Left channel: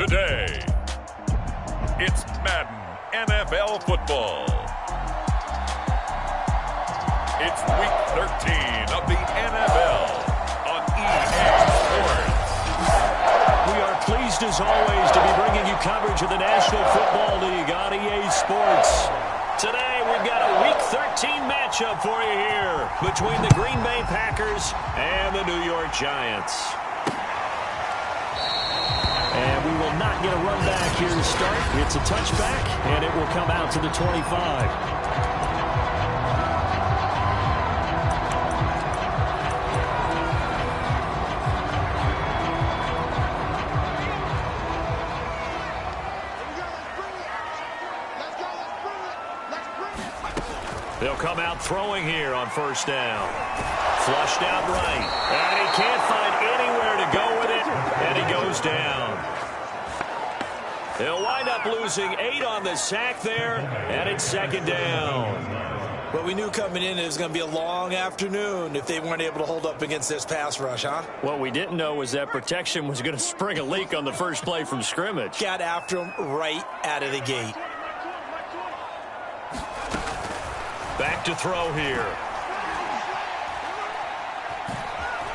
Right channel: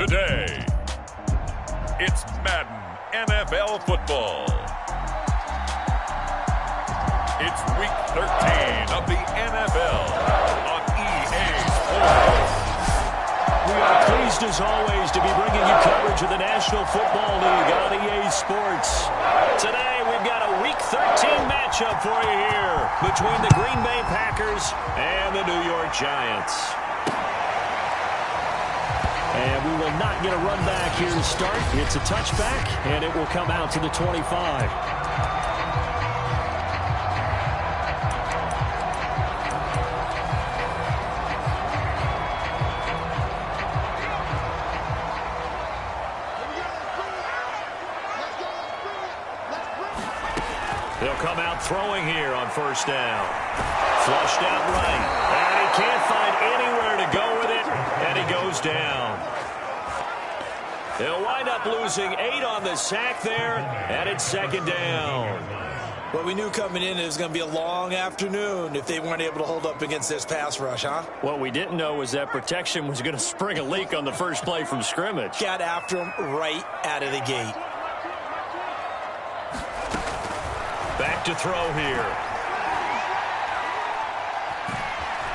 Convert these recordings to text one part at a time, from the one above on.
Today, it's Madden NFL football. It's week 13 of the NFL on EA Sports. We are pleased, as always, to be bringing you coverage of the National Football League on EA Sports. Today, we've got a Week 13 matchup for you here between the Green Bay Packers and the New York Giants. And we will not get a run back here to start. It's a touchback, and it will come out to the 25. They'll come out throwing here on first down. Flushed out right. And he can't find anywhere to go with it. And he goes down. They'll wind up losing 8 on the sack there. And it's second down. Well, we knew coming in it was going to be a long afternoon if they weren't able to hold up against this pass rush, huh? What we didn't know was that protection was going to spring a leak on the first play from scrimmage. Got after him right out of the gate. Back to throw here.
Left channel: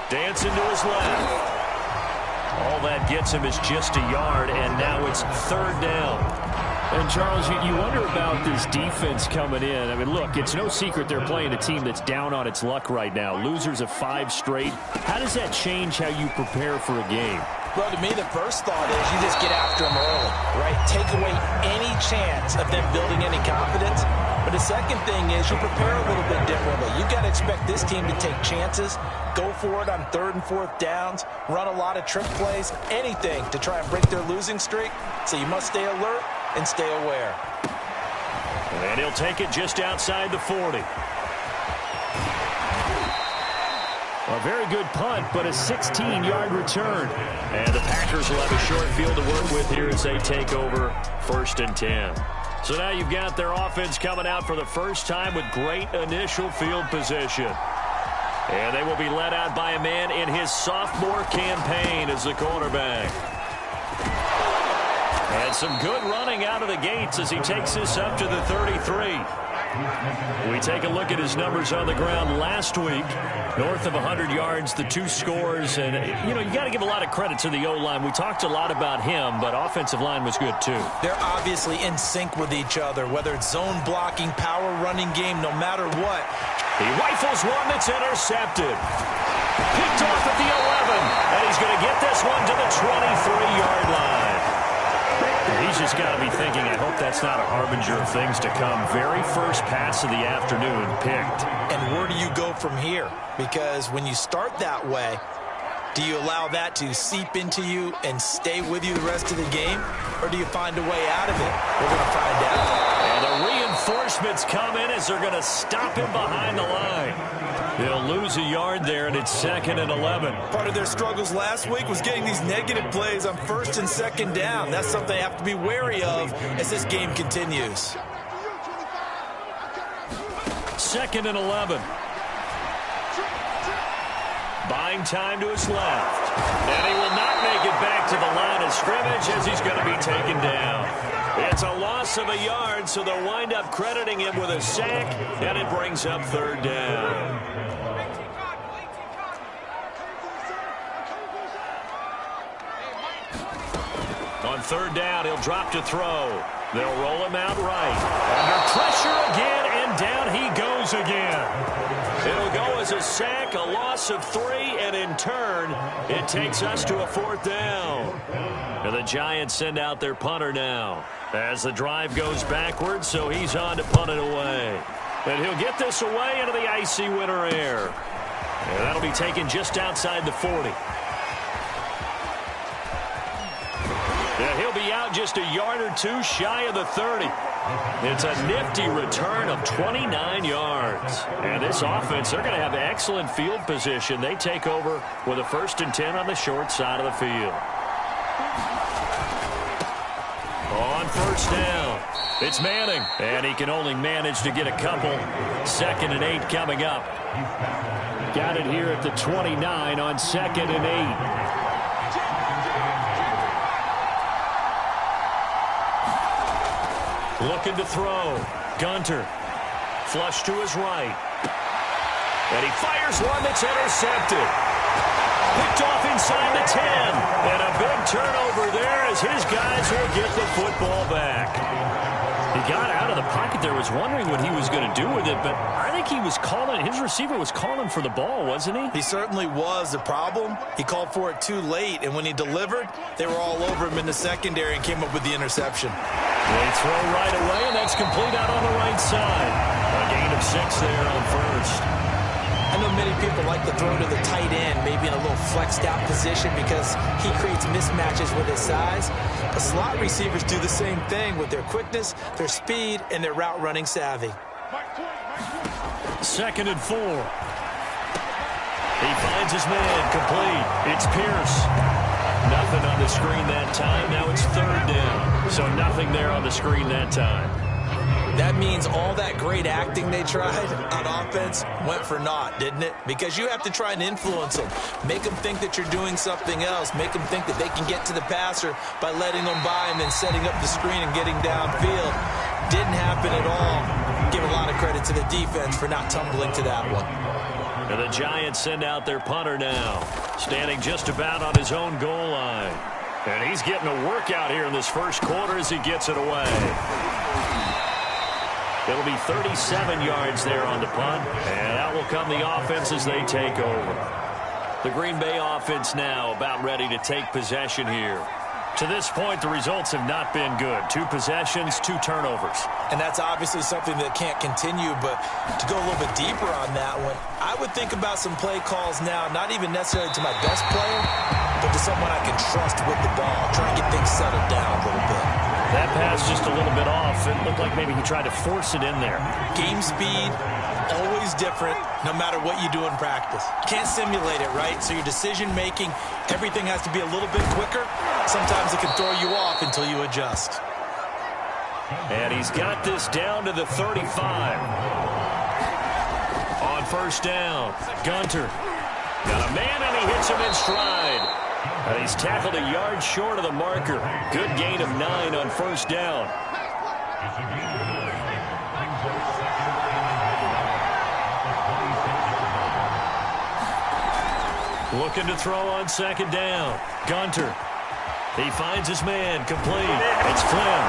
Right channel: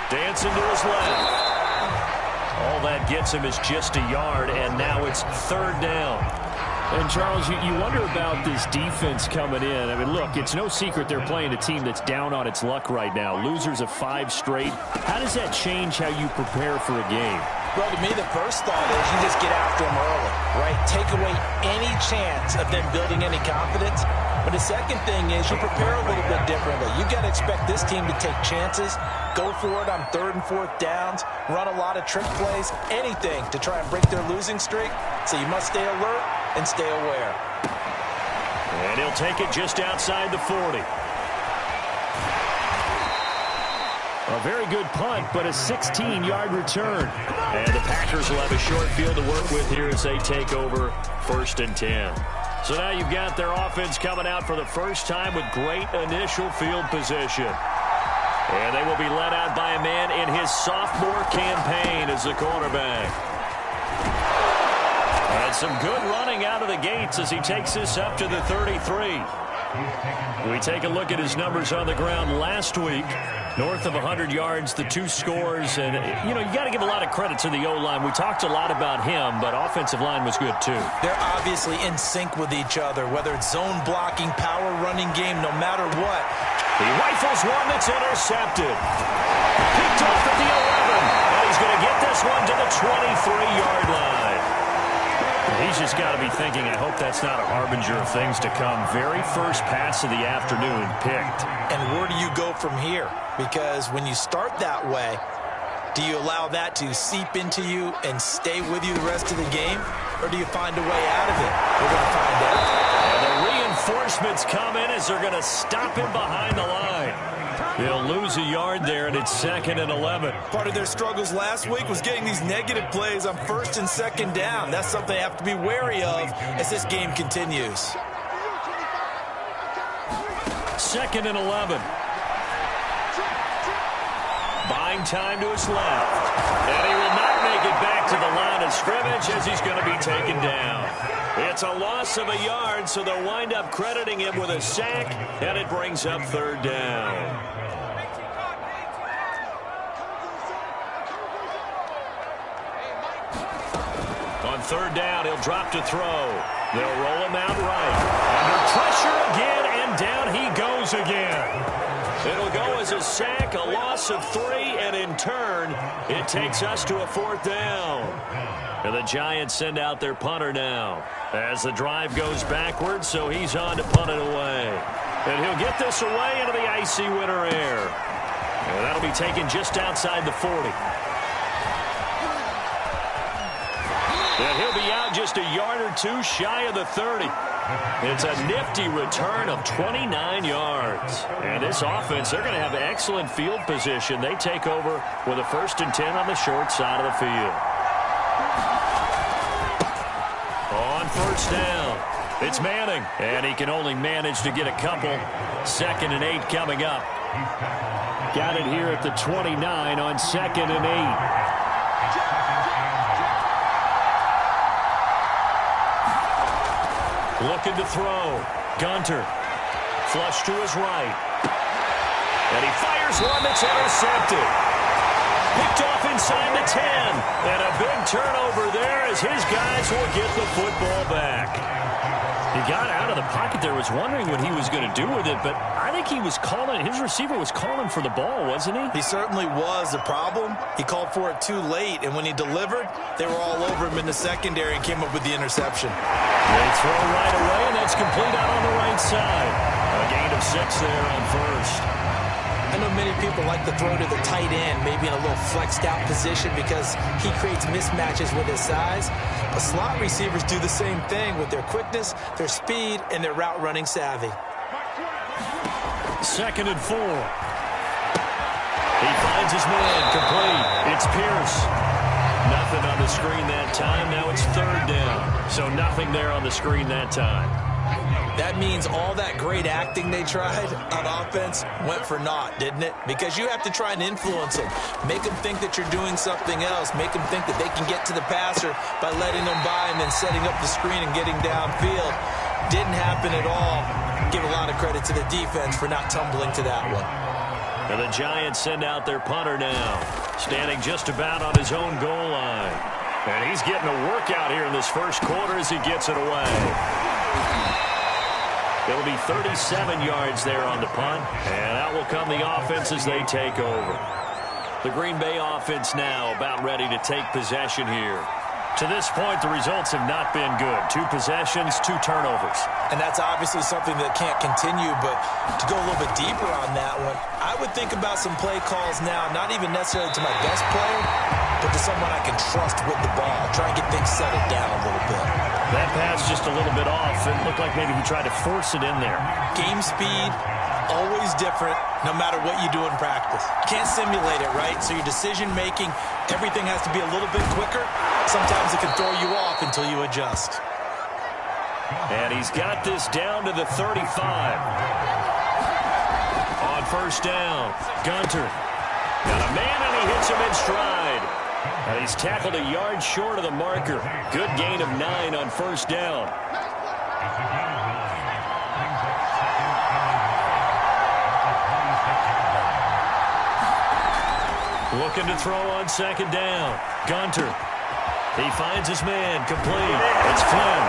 Dancing to his left. All that gets him is just a yard, and now it's third down. And, Charles, you wonder about this defense coming in. I mean, look, it's no secret they're playing a team that's down on its luck right now. Losers of 5 straight. How does that change how you prepare for a game? Well, to me, the first thought is you just get after them early, right? Take away any chance of them building any confidence. But the second thing is you prepare a little bit differently. You've got to expect this team to take chances, go for it on 3rd and 4th downs, run a lot of trick plays, anything to try and break their losing streak. So you must stay alert and stay aware. And he'll take it just outside the 40. A very good punt, but a 16-yard return. And the Packers will have a short field to work with here as they take over 1st and 10. So now you've got their offense coming out for the first time with great initial field position. And they will be led out by a man in his sophomore campaign as the quarterback. And some good running out of the gates as he takes this up to the 33. We take a look at his numbers on the ground last week. North of 100 yards, the 2 scores. And, you know, you got to give a lot of credit to the O-line. We talked a lot about him, but offensive line was good, too. They're obviously in sync with each other, whether it's zone blocking, power running game, no matter what. He rifles one that's intercepted. Picked off at the 11. And he's going to get this one to the 23-yard line. He's just got to be thinking, I hope that's not a harbinger of things to come. Very first pass of the afternoon picked. And where do you go from here? Because when you start that way, do you allow that to seep into you and stay with you the rest of the game? Or do you find a way out of it? We're going to find out. And the reinforcements come in as they're going to stop him behind the line. They'll lose a yard there, and it's 2nd and 11. Part of their struggles last week was getting these negative plays on 1st and 2nd down. That's something they have to be wary of as this game continues. 2nd and 11. Buying time to his left. And he will not make it back to the line of scrimmage as he's going to be taken down. It's a loss of a yard, so they'll wind up crediting him with a sack, and it brings up 3rd down. On 3rd down, he'll drop to throw. They'll roll him out right. Under pressure again, and down he goes again. It'll go as a sack, a loss of 3, and in turn, it takes us to a 4th down. And the Giants send out their punter now as the drive goes backwards, so he's on to punt it away. And he'll get this away into the icy winter air. And that'll be taken just outside the 40. And he'll be out just a yard or 2 shy of the 30. It's a nifty return of 29 yards. And this offense, they're going to have excellent field position. They take over with a 1st and 10 on the short side of the field. On 1st down, it's Manning. And he can only manage to get a couple. 2nd and 8 coming up. Got it here at the 29 on 2nd and 8. Looking to throw. Gunter. Flush to his right. And he fires one that's intercepted. Picked off inside the 10. And a big turnover there as his guys will get the football back. He got out of the pocket there, was wondering what he was going to do with it, but I think he was calling, his receiver was calling for the ball, wasn't he? He certainly was. The problem, he called for it too late, and when he delivered, they were all over him in the secondary and came up with the interception. They throw right away, and that's complete out on the right side. A gain of 6 there on first. I know many people like to throw to the tight end, maybe in a little flexed out position because he creates mismatches with his size. But slot receivers do the same thing with their quickness, their speed, and their route running savvy. 2nd and 4. He finds his man, complete. It's Pierce. Nothing on the screen that time. Now it's 3rd down. So nothing there on the screen that time. That means all that great acting they tried on offense went for naught, didn't it? Because you have to try and influence them. Make them think that you're doing something else. Make them think that they can get to the passer by letting them by and then setting up the screen and getting downfield. Didn't happen at all. Give a lot of credit to the defense for not tumbling to that one. And the Giants send out their punter now, standing just about on his own goal line. And he's getting a workout here in this first quarter as he gets it away. It'll be 37 yards there on the punt, and out will come the offense as they take over. The Green Bay offense now about ready to take possession here. To this point, the results have not been good. 2 possessions, 2 turnovers. And that's obviously something that can't continue, but to go a little bit deeper on that one, I would think about some play calls now, not even necessarily to my best player, but to someone I can trust with the ball. Try and get things settled down a little bit. That pass just a little bit off. It looked like maybe he tried to force it in there. Game speed, always different, no matter what you do in practice. Can't simulate it, right? So your decision-making, everything has to be a little bit quicker. Sometimes it can throw you off until you adjust. And he's got this down to the 35. On 1st down, Gunter. Got a man, and he hits him in stride. And he's tackled a yard short of the marker. Good gain of 9 on 1st down. Looking to throw on 2nd down. Gunter. He finds his man, complete. It's Flynn.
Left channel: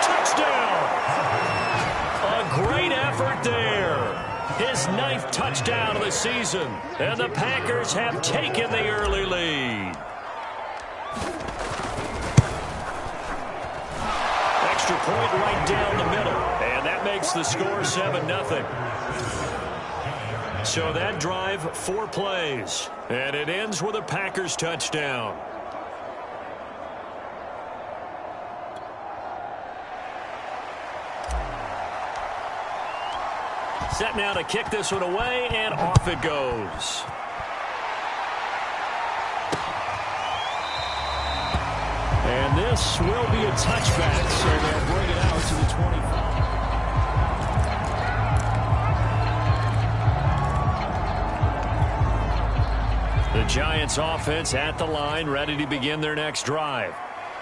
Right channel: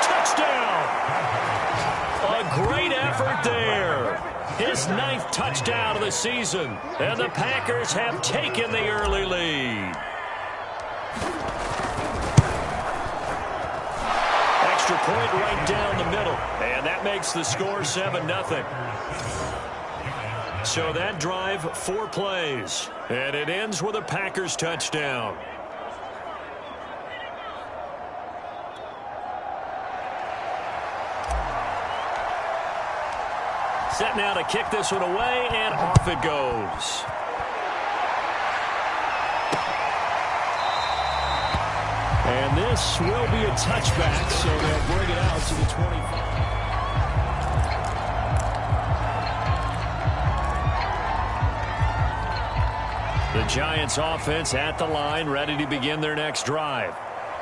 Touchdown! A great effort there. His 9th touchdown of the season. And the Packers have taken the early lead. Extra point right down the middle. And that makes the score 7-0. So that drive, 4 plays. And it ends with a Packers touchdown. Set now to kick this one away, and off it goes. And this will be a touchback, so they'll bring it out to the 25. The Giants offense at the line, ready to begin their next drive.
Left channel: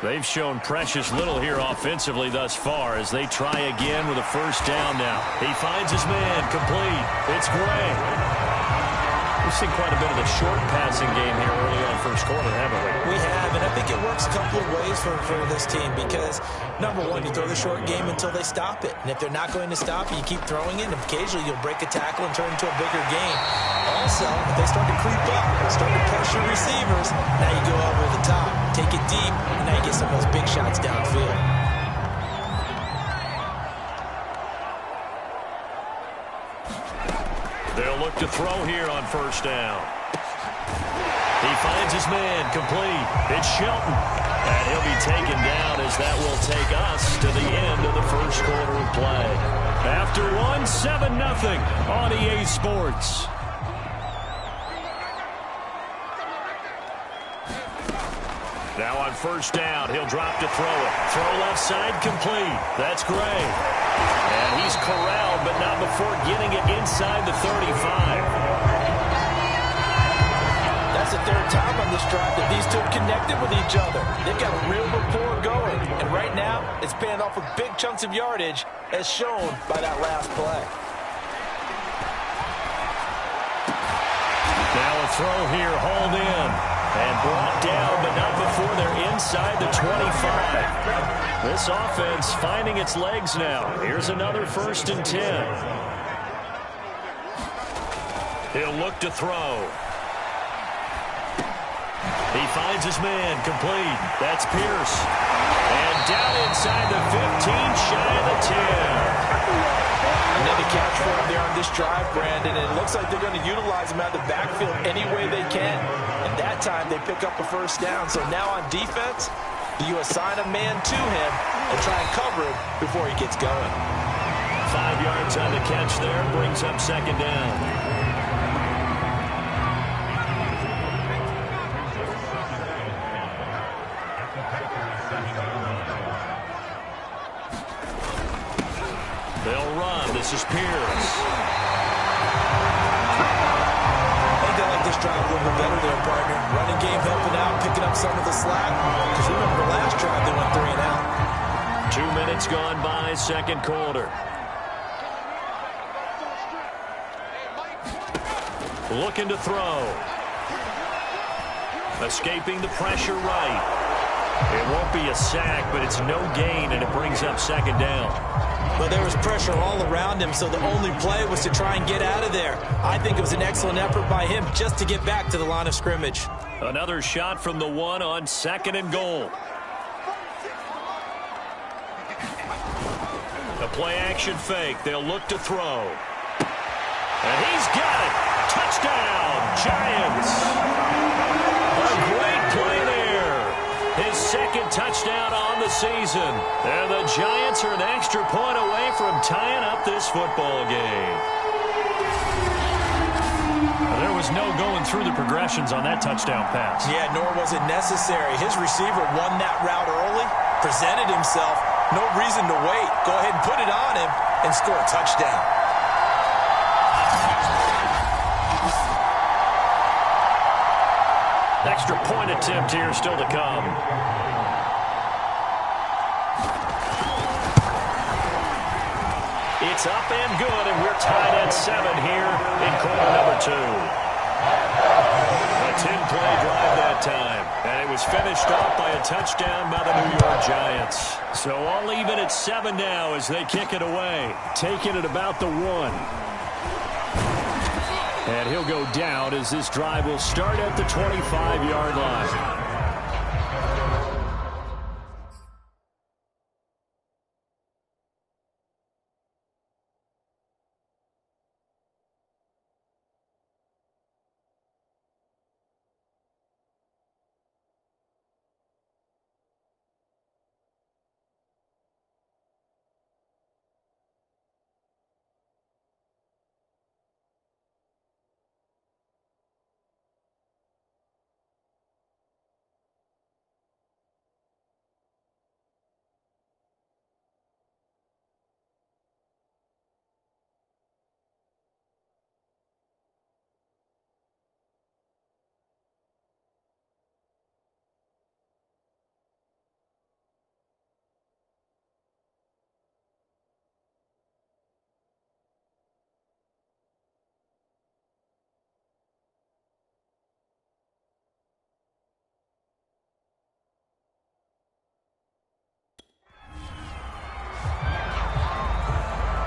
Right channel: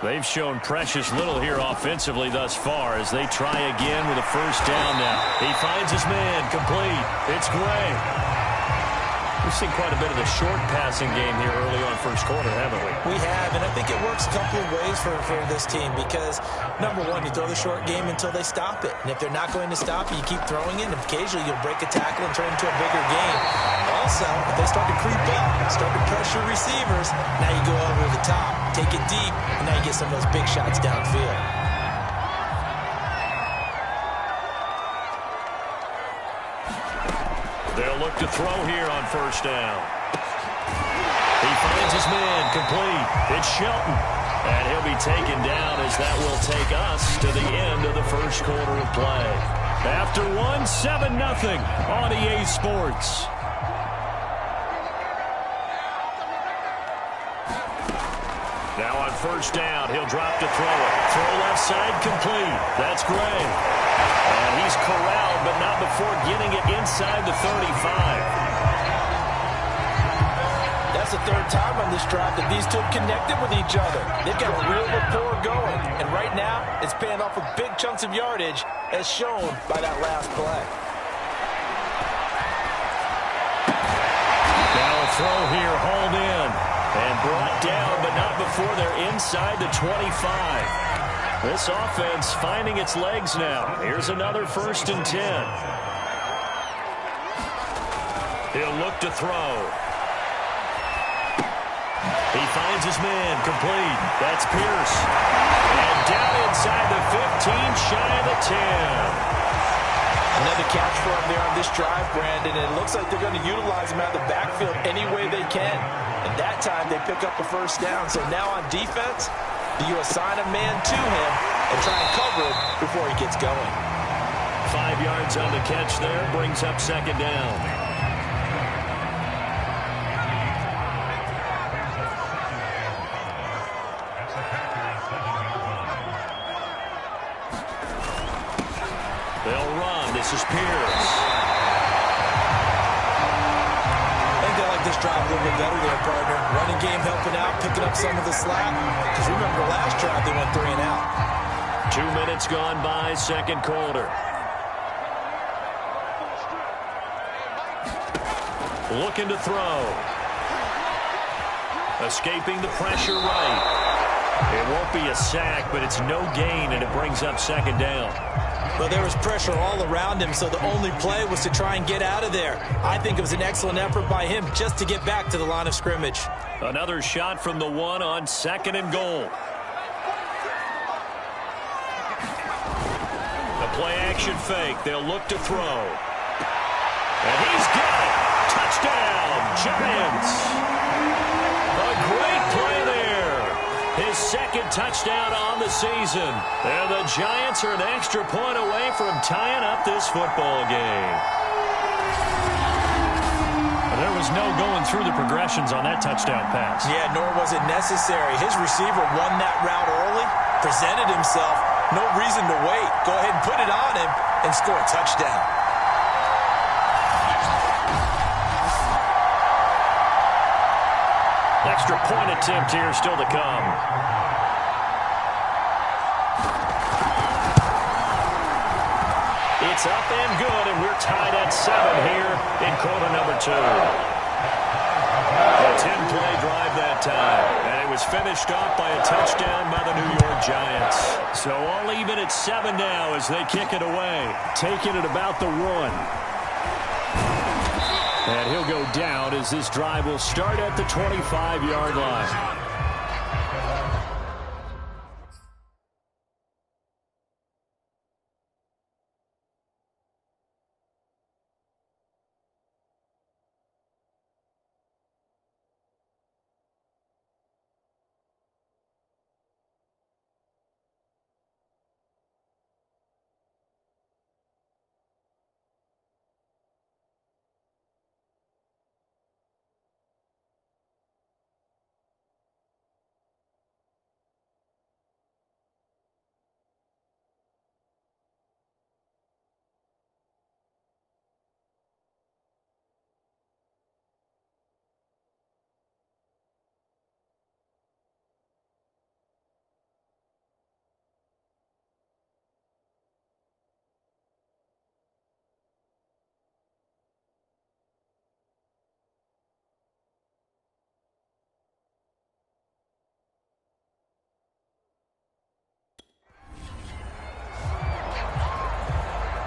They've shown precious little here offensively thus far as they try again with a 1st down now. He finds his man, complete. It's Gray. We've seen quite a bit of the short passing game here early on 1st quarter, haven't we? We have, and I think it works a couple of ways for this team because, number one, you throw the short game until they stop it. And if they're not going to stop it, you keep throwing it, and occasionally you'll break a tackle and turn it into a bigger game. Also, if they start to creep up, start to pressure receivers, now you go over the top, take it deep, and now you get some of those big shots downfield. They'll look to throw here on 1st down. He finds his man, complete. It's Shelton. And he'll be taken down as that will take us to the end of the 1st quarter of play. After 7-0 on EA Sports. Now on 1st down, he'll drop to throw it. Throw left side, complete. That's Gray. And he's corralled, but not before getting it inside the 35. That's the third time on this drive that these two have connected with each other. They've got a real rapport going, and right now it's paying off with big chunks of yardage, as shown by that last play. Now a throw here, hauled in, and brought down, but not before they're inside the 25. This offense finding its legs now. Here's another 1st and 10. He'll look to throw. He finds his man, complete. That's Pierce. And down inside the 15, shy of the 10. Another catch for him there on this drive, Brandon, and it looks like they're going to utilize him out of the backfield any way they can. And that time they pick up a 1st down. So now on defense, do you assign a man to him and try and cover him before he gets going? 5 yards on the catch there, brings up 2nd down. They'll run. This is Pierce. I think they like this drive a little bit better there, partner. Running game helping out, picking up some of the slack. Because remember, the last drive they went 3 and out. 2 minutes gone by, 2nd quarter. Looking to throw. Escaping the pressure right. It won't be a sack, but it's no gain, and it brings up 2nd down. Well, there was pressure all around him, so the only play was to try and get out of there. I think it was an excellent effort by him just to get back to the line of scrimmage. Another shot from the 1 on 2nd and goal. The play-action fake. They'll look to throw. And he's got it. Touchdown, Giants. A great play there. His 2nd touchdown on the season. And the Giants are an extra point away from tying up this football game. There was no going through the progressions on that touchdown pass. Yeah, nor was it necessary. His receiver won that route early, presented himself. No reason to wait. Go ahead and put it on him and score a touchdown. Extra point attempt here still to come. It's up and good, and we're tied at 7 here in quarter number 2. A 10-play drive that time, and it was finished off by a touchdown by the New York Giants. So all even at 7 now as they kick it away, taking it about the 1. And he'll go down as this drive will start at the 25-yard line.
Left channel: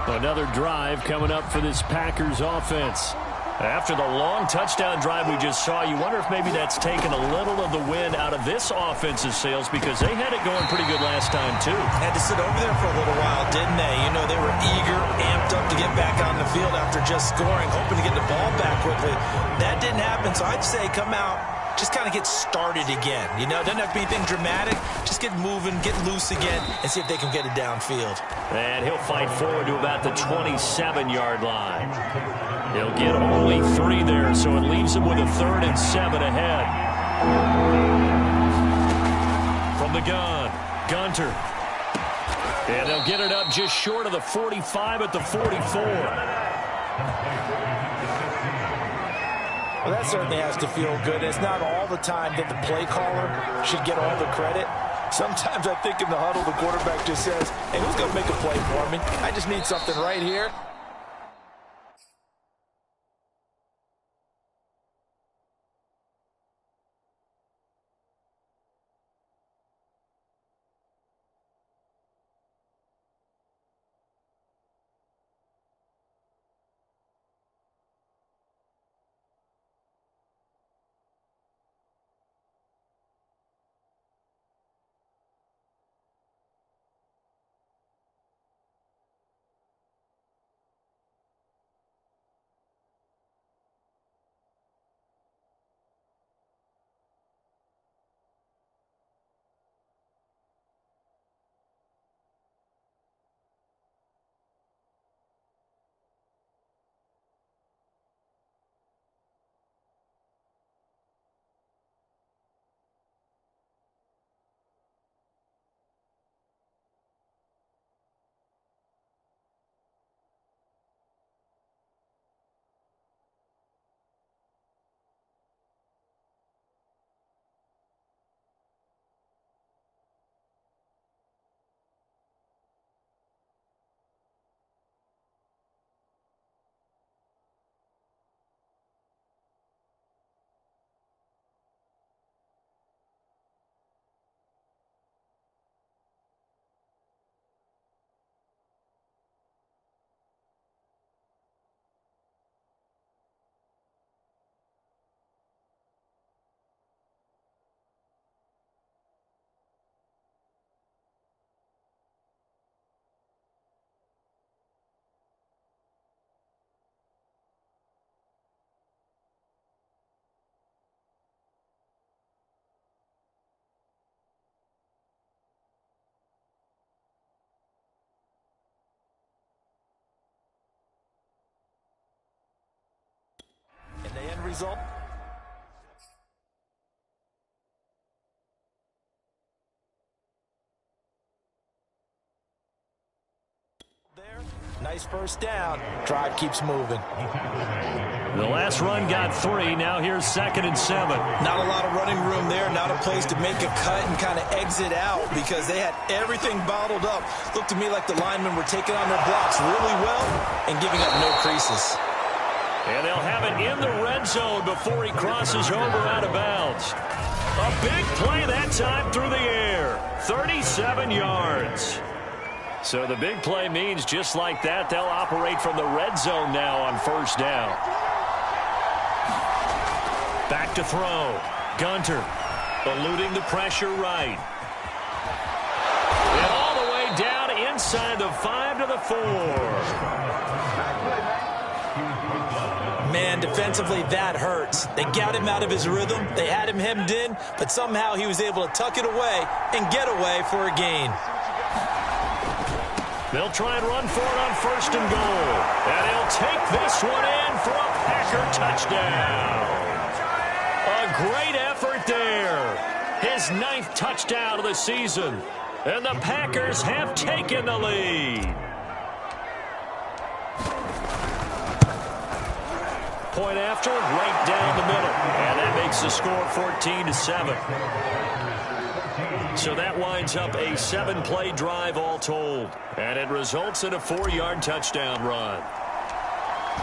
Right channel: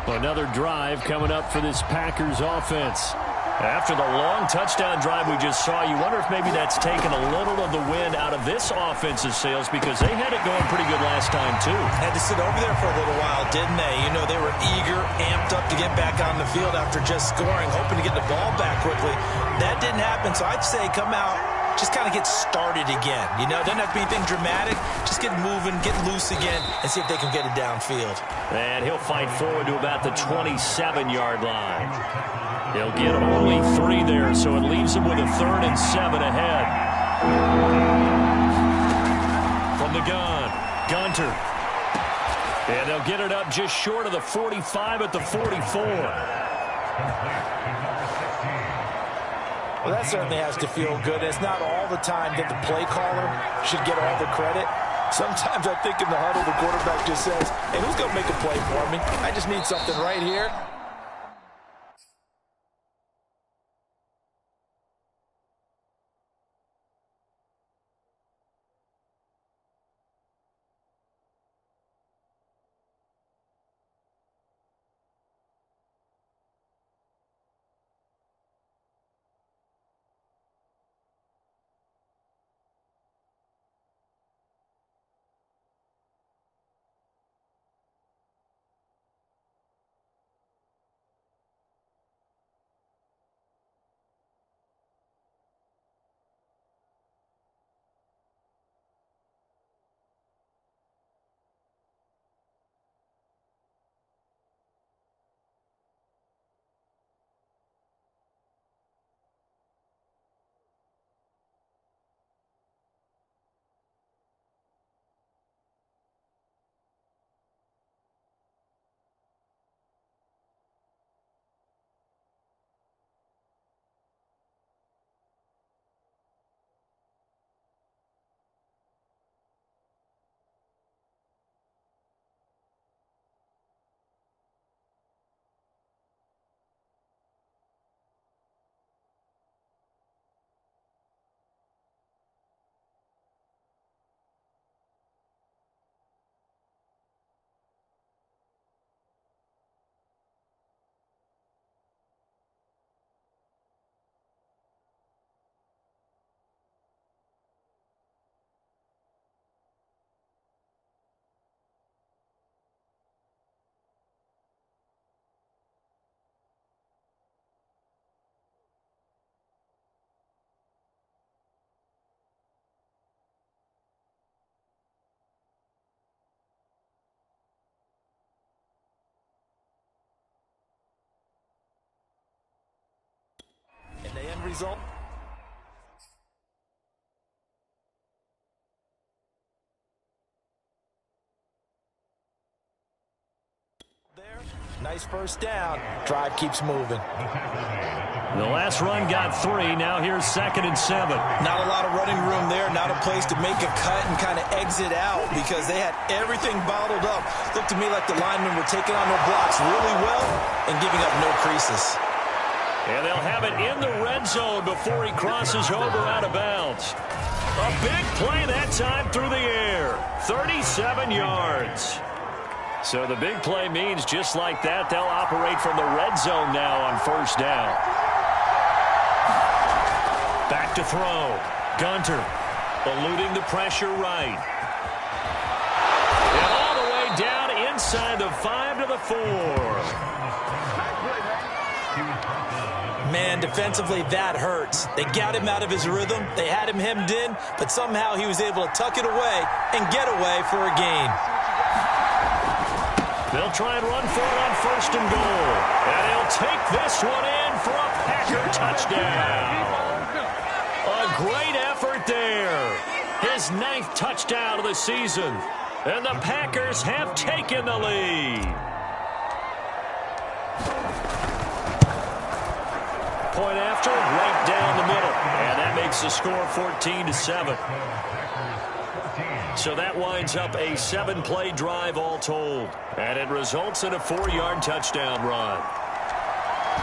Another drive coming up for this Packers offense. After the long touchdown drive we just saw, you wonder if maybe that's taken a little of the wind out of this offense's sails, because they had it going pretty good last time, too. Had to sit over there for a little while, didn't they? You know, they were eager, amped up to get back on the field after just scoring, hoping to get the ball back quickly. That didn't happen, so I'd say come out, just kind of get started again. You know, it doesn't have to be anything dramatic. Just get moving, get loose again, and see if they can get it downfield. And he'll fight forward to about the 27-yard line. He'll get only 3 there, so it leaves him with a 3rd and 7 ahead. From the gun, Gunter. And they'll get it up just short of the 45 at the 44. Well, that certainly has to feel good. It's not all the time that the play caller should get all the credit. Sometimes I think in the huddle, the quarterback just says, hey, who's going to make a play for me? I just need something right here. And the end result? There, nice first down. Drive keeps moving. The last run got 3. Now here's 2nd and 7. Not a lot of running room there. Not a place to make a cut and kind of exit out because they had everything bottled up. Looked to me like the linemen were taking on their blocks really well and giving up no creases. And they'll have it in the red zone before he crosses over out of bounds. A big play that time through the air. 37 yards. So the big play means just like that, they'll operate from the red zone now on first down. Back to throw. Gunter eluding the pressure right. And all the way down inside the 5 to the 4. Man, defensively, that hurts. They got him out of his rhythm. They had him hemmed in, but somehow he was able to tuck it away and get away for a gain. They'll try and run for it on 1st and goal. And he'll take this one in for a Packer touchdown. A great effort there. His 9th touchdown of the season. And the Packers have taken the lead. Point after, right down the middle. And that makes the score 14-7. So that winds up a 7-play drive all told. And it results in a 4-yard touchdown run.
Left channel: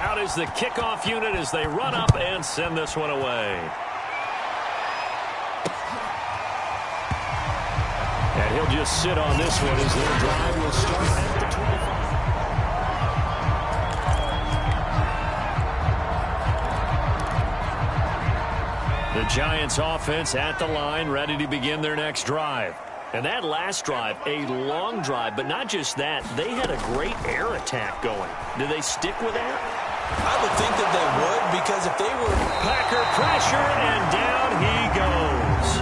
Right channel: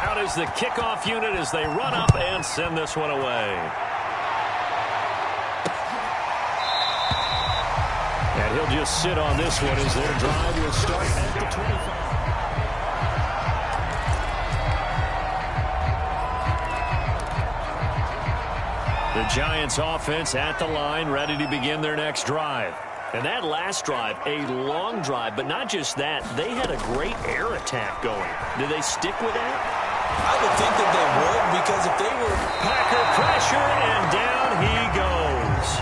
Out is the kickoff unit as they run up and send this one away. And he'll just sit on this one as their drive will start at the 25. The Giants offense at the line, ready to begin their next drive. And that last drive, a long drive, but not just that. They had a great air attack going. Do they stick with that? I would think that they would, because if they were... Packer pressure, and down he goes.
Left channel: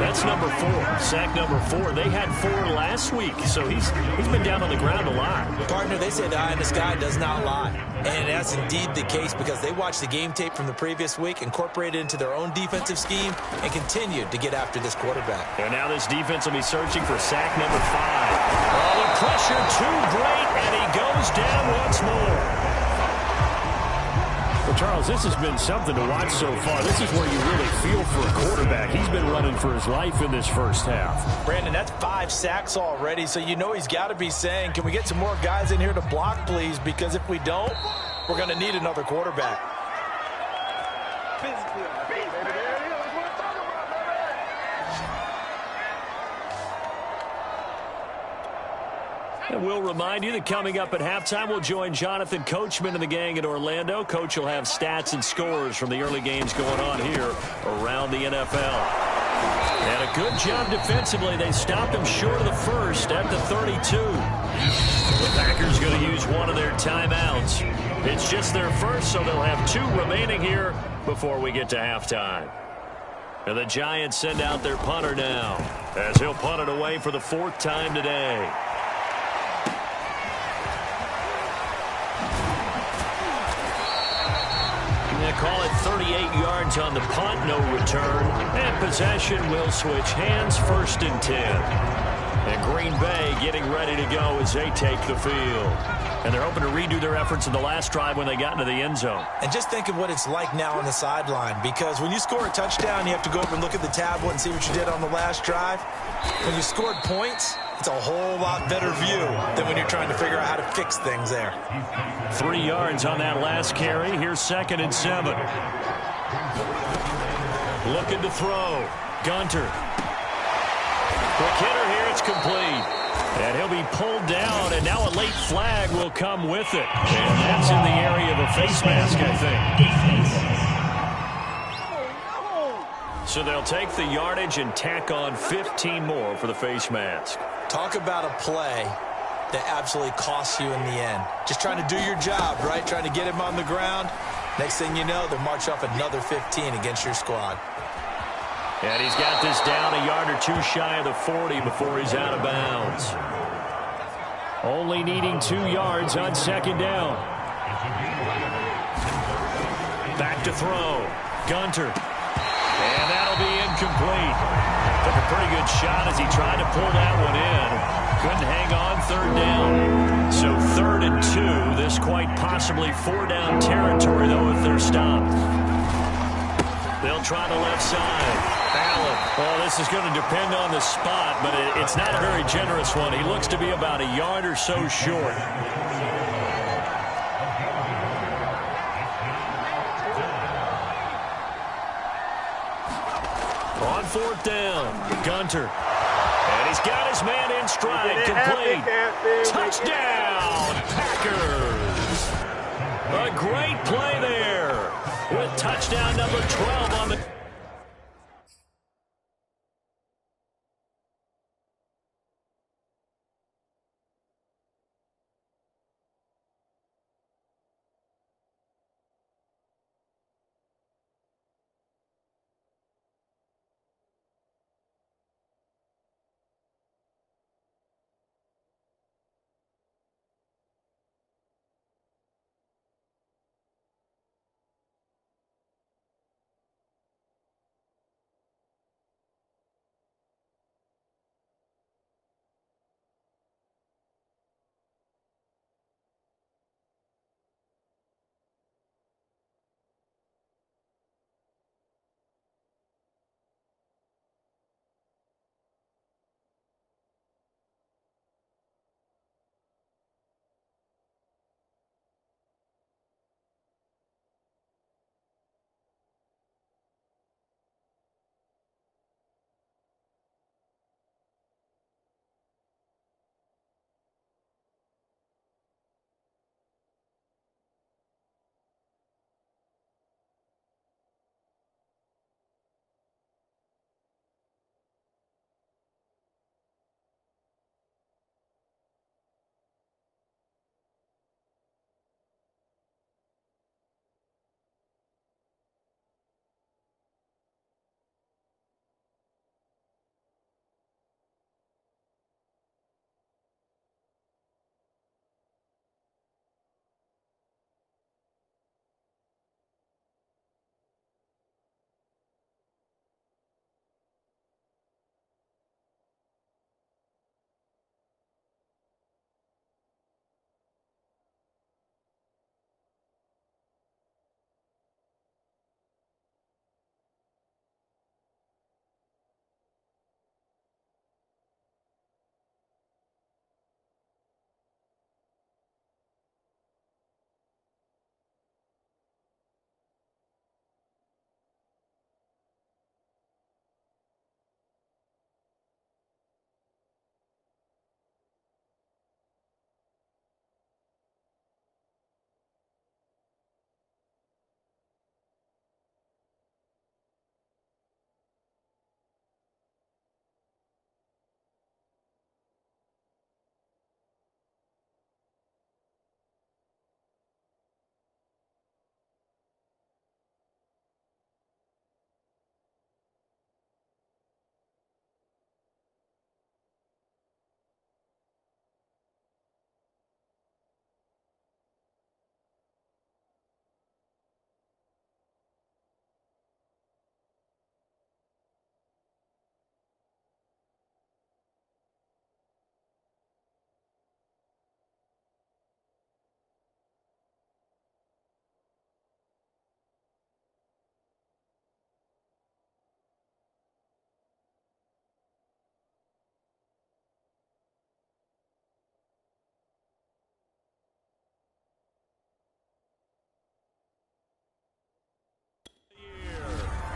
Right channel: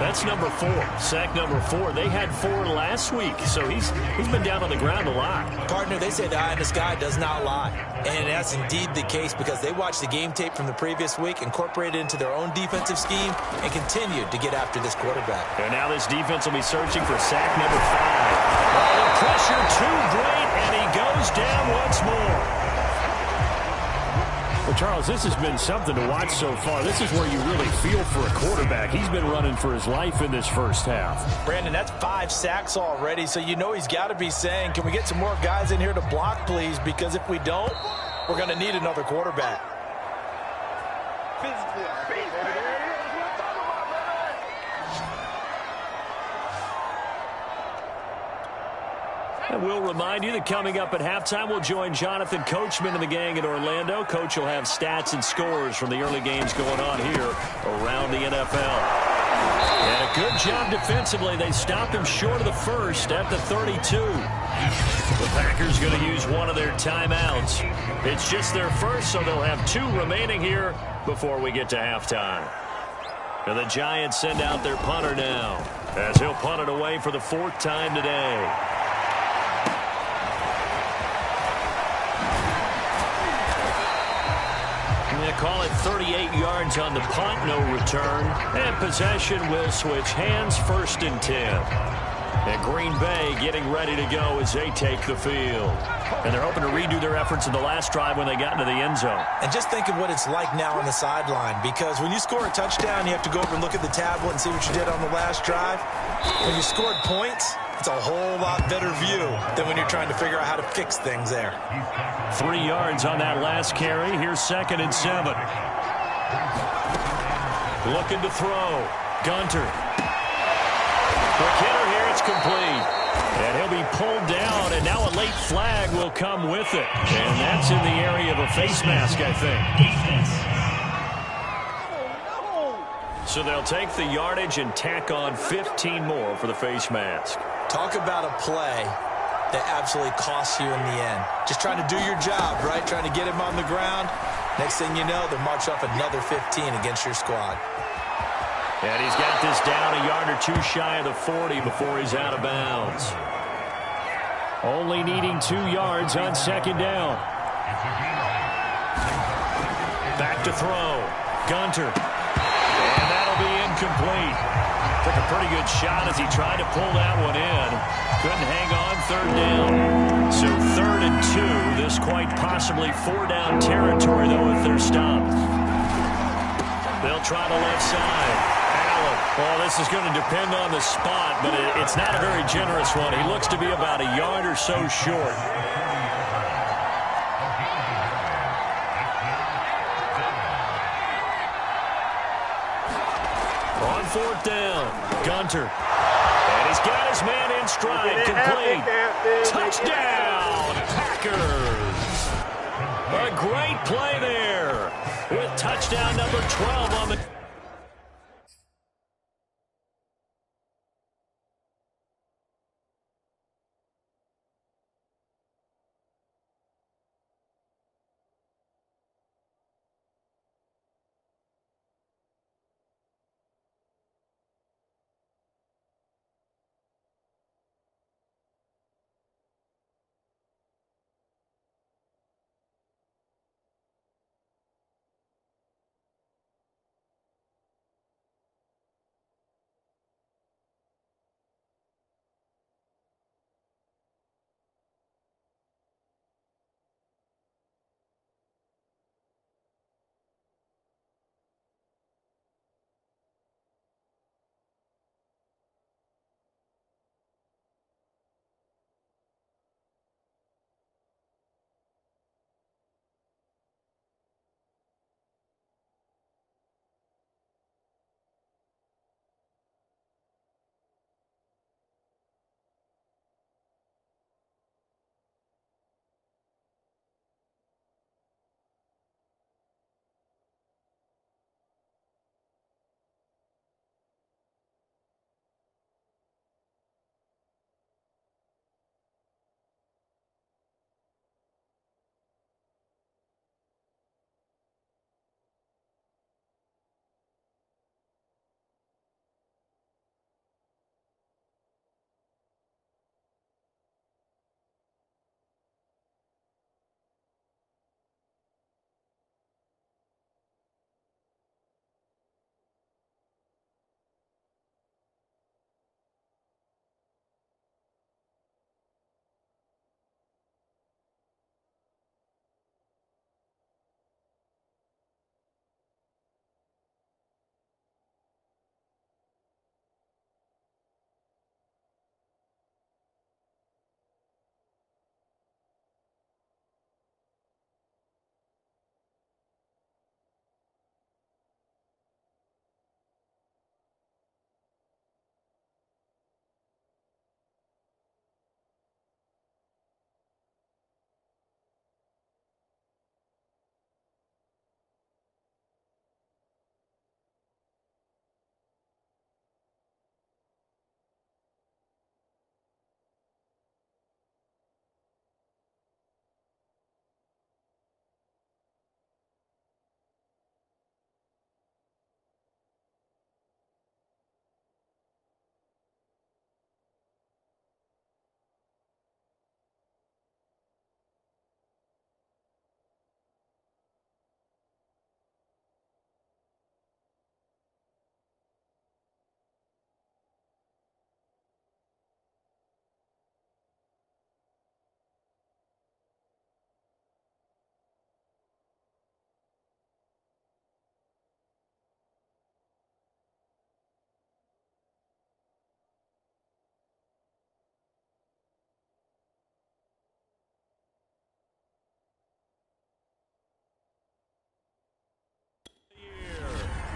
That's number 4, sack number 4. They had 4 last week, so he's been down on the ground a lot. Partner, they say the eye in the sky does not lie. And that's indeed the case because they watched the game tape from the previous week, incorporated it into their own defensive scheme, and continued to get after this quarterback. And now this defense will be searching for sack number 5. Oh, the pressure too great, and he goes down once more. Well, Charles, this has been something to watch so far. This is where you really feel for a quarterback. He's been running for his life in this first half. Brandon, that's 5 sacks already, so you know he's got to be saying, can we get some more guys in here to block, please? Because if we don't, we're going to need another quarterback. And we'll remind you that coming up at halftime, we'll join Jonathan Coachman and the gang in Orlando. Coach will have stats and scores from the early games going on here around the NFL. And a good job defensively. They stopped him short of the first at the 32. The Packers going to use one of their timeouts. It's just their first, so they'll have 2 remaining here before we get to halftime. And the Giants send out their punter now, as he'll punt it away for the 4th time today. Call it 38 yards on the punt, no return. And possession will switch hands, 1st and 10. And Green Bay getting ready to go as they take the field. And they're hoping to redo their efforts in the last drive when they got into the end zone. And just think of what it's like now on the sideline, because when you score a touchdown, you have to go over and look at the tablet and see what you did on the last drive. When you scored points, it's a whole lot better view than when you're trying to figure out how to fix things there. 3 yards on that last carry. Here's 2nd and 7. Looking to throw. Gunter. Quick hitter here. It's complete. And he'll be pulled down, and now a late flag will come with it. And that's in the area of a face mask, I think. So they'll take the yardage and tack on 15 more for the face mask. Talk about a play that absolutely costs you in the end. Just trying to do your job, right? Trying to get him on the ground. Next thing you know, they march off another 15 against your squad. And he's got this down a yard or 2 shy of the 40 before he's out of bounds. Only needing 2 yards on 2nd down. Back to throw. Gunter. And that'll be incomplete. Took a pretty good shot as he tried to pull that one in. Couldn't hang on 3rd down. So 3rd and 2. This quite possibly 4-down territory, though, if they're stopped. They'll try the left side. Allen. Well, this is going to depend on the spot, but it's not a very generous one. He looks to be about a yard or so short. On 4th down, Gunter. And he's got his man in stride, complete. Touchdown, Packers. A great play there with touchdown number 12 on the...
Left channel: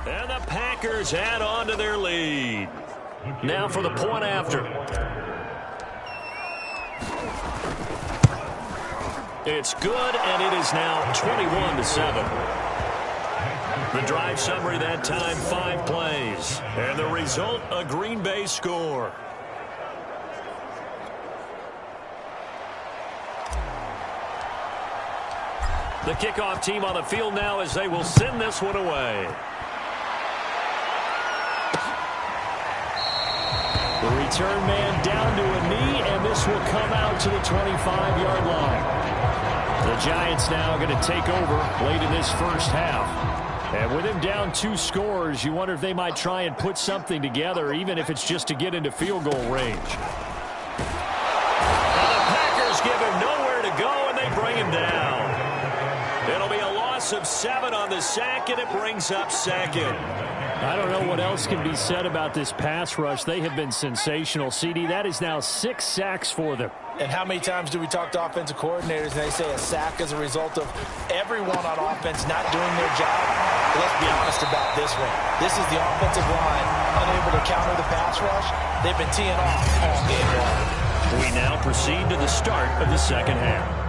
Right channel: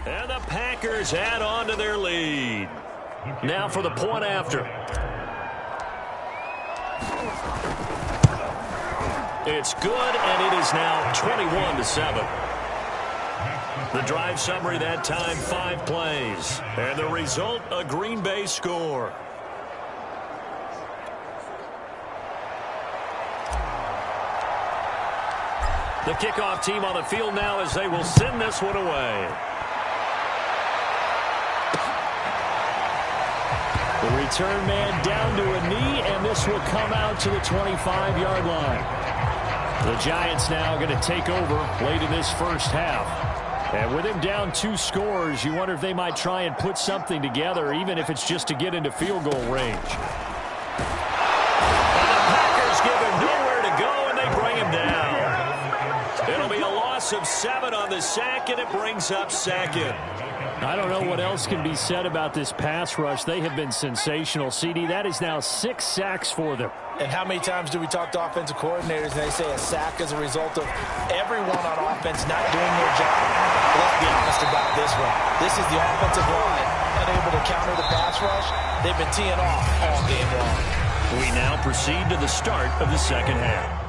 And the Packers add on to their lead. Now for the point after. It's good, and it is now 21-7. The drive summary that time, 5 plays. And the result, a Green Bay score. The kickoff team on the field now as they will send this one away. The return man down to a knee, and this will come out to the 25-yard line. The Giants now going to take over late in this first half. And with him down 2 scores, you wonder if they might try and put something together, even if it's just to get into field goal range. And the Packers give him nowhere to go, and they bring him down. It'll be a loss of 7 on the sack, and it brings up 2nd. I don't know what else can be said about this pass rush. They have been sensational, CD. That is now 6 sacks for them. And how many times do we talk to offensive coordinators and they say a sack is a result of everyone on offense not doing their job? Well, let's be honest about this one. This is the offensive line unable to counter the pass rush. They've been teeing off all game long. We now proceed to the start of the second half.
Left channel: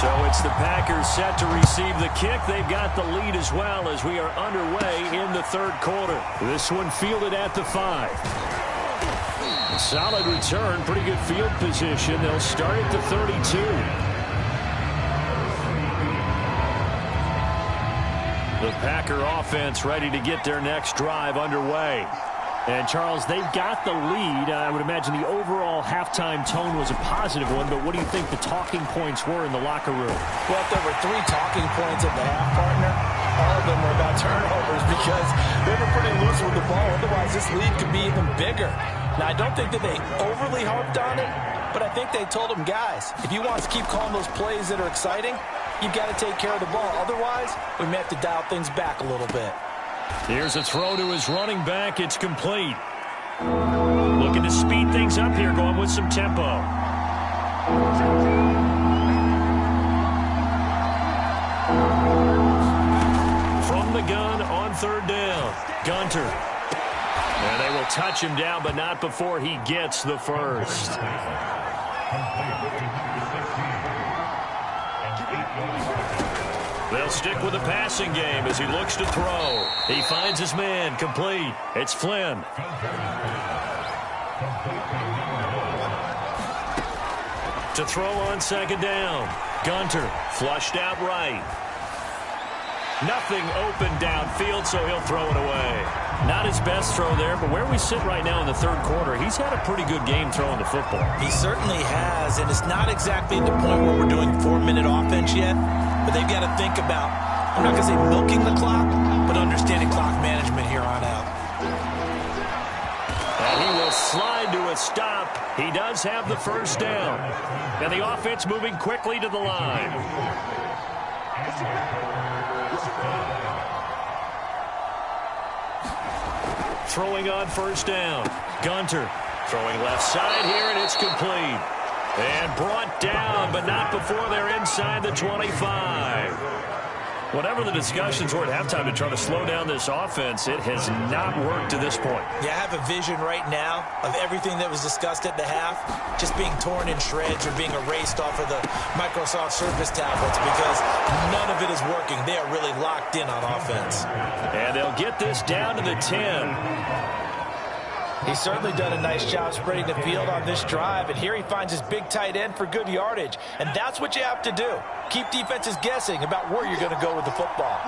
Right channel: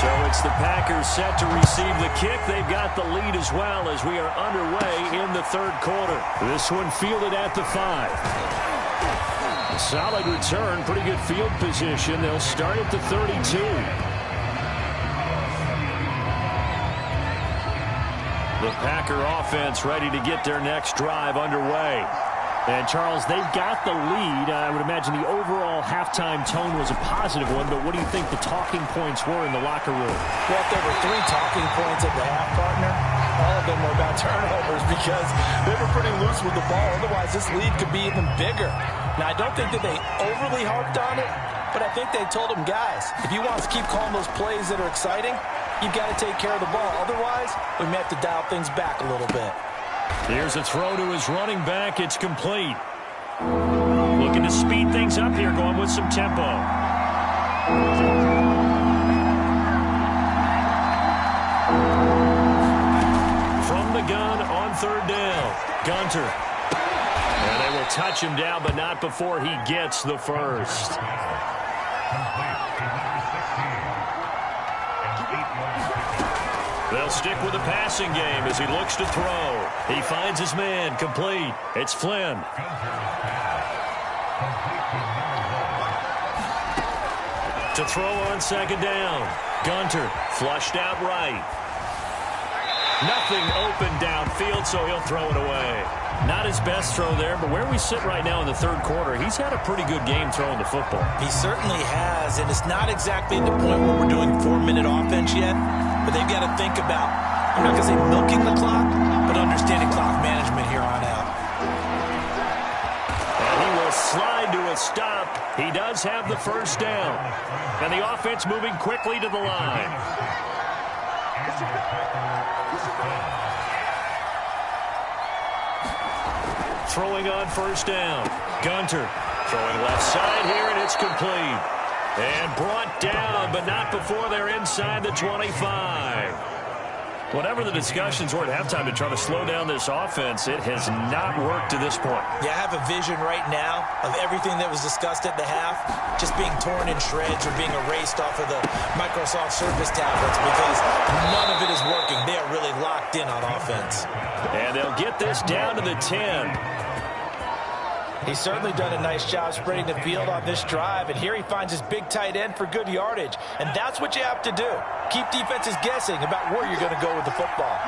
So it's the Packers set to receive the kick. They've got the lead as well as we are underway in the third quarter. This one fielded at the 5. A solid return, pretty good field position. They'll start at the 32. The Packer offense ready to get their next drive underway. And, Charles, they've got the lead. I would imagine the overall halftime tone was a positive one, but what do you think the talking points were in the locker room? Well, if there were 3 talking points at the half, partner, all of them were about turnovers because they were pretty loose with the ball. Otherwise, this lead could be even bigger. Now, I don't think that they overly harped on it, but I think they told them, guys, if you want to keep calling those plays that are exciting, you've got to take care of the ball. Otherwise, we may have to dial things back a little bit. Here's a throw to his running back. It's complete. Looking to speed things up here, going with some tempo. From the gun on third down, Gunter. And they will touch him down, but not before he gets the first. They'll stick with the passing game as he looks to throw. He finds his man, complete. It's Flynn. To throw on second down. Gunter flushed out right. Nothing open downfield, so he'll throw it away. Not his best throw there, but where we sit right now in the third quarter, he's had a pretty good game throwing the football. He certainly has, and it's not exactly at the point where we're doing 4-minute offense yet, but they've got to think about, I'm not going to say milking the clock, but understanding clock management here on out. And he will slide to a stop. He does have the first down. And the offense moving quickly to the line. Throwing on first down. Gunter throwing left side here, and it's complete. And brought down, but not before they're inside the 25. Whatever the discussions were at halftime to try to slow down this offense, it has not worked to this point. Yeah, I have a vision right now of everything that was discussed at the half just being torn in shreds or being erased off of the Microsoft Surface tablets because none of it is working. They are really locked in on offense. And they'll get this down to the 10. He's certainly done a nice job spreading the field on this drive, and here he finds his big tight end for good yardage. And that's what you have to do. Keep defenses guessing about where you're going to go with the football.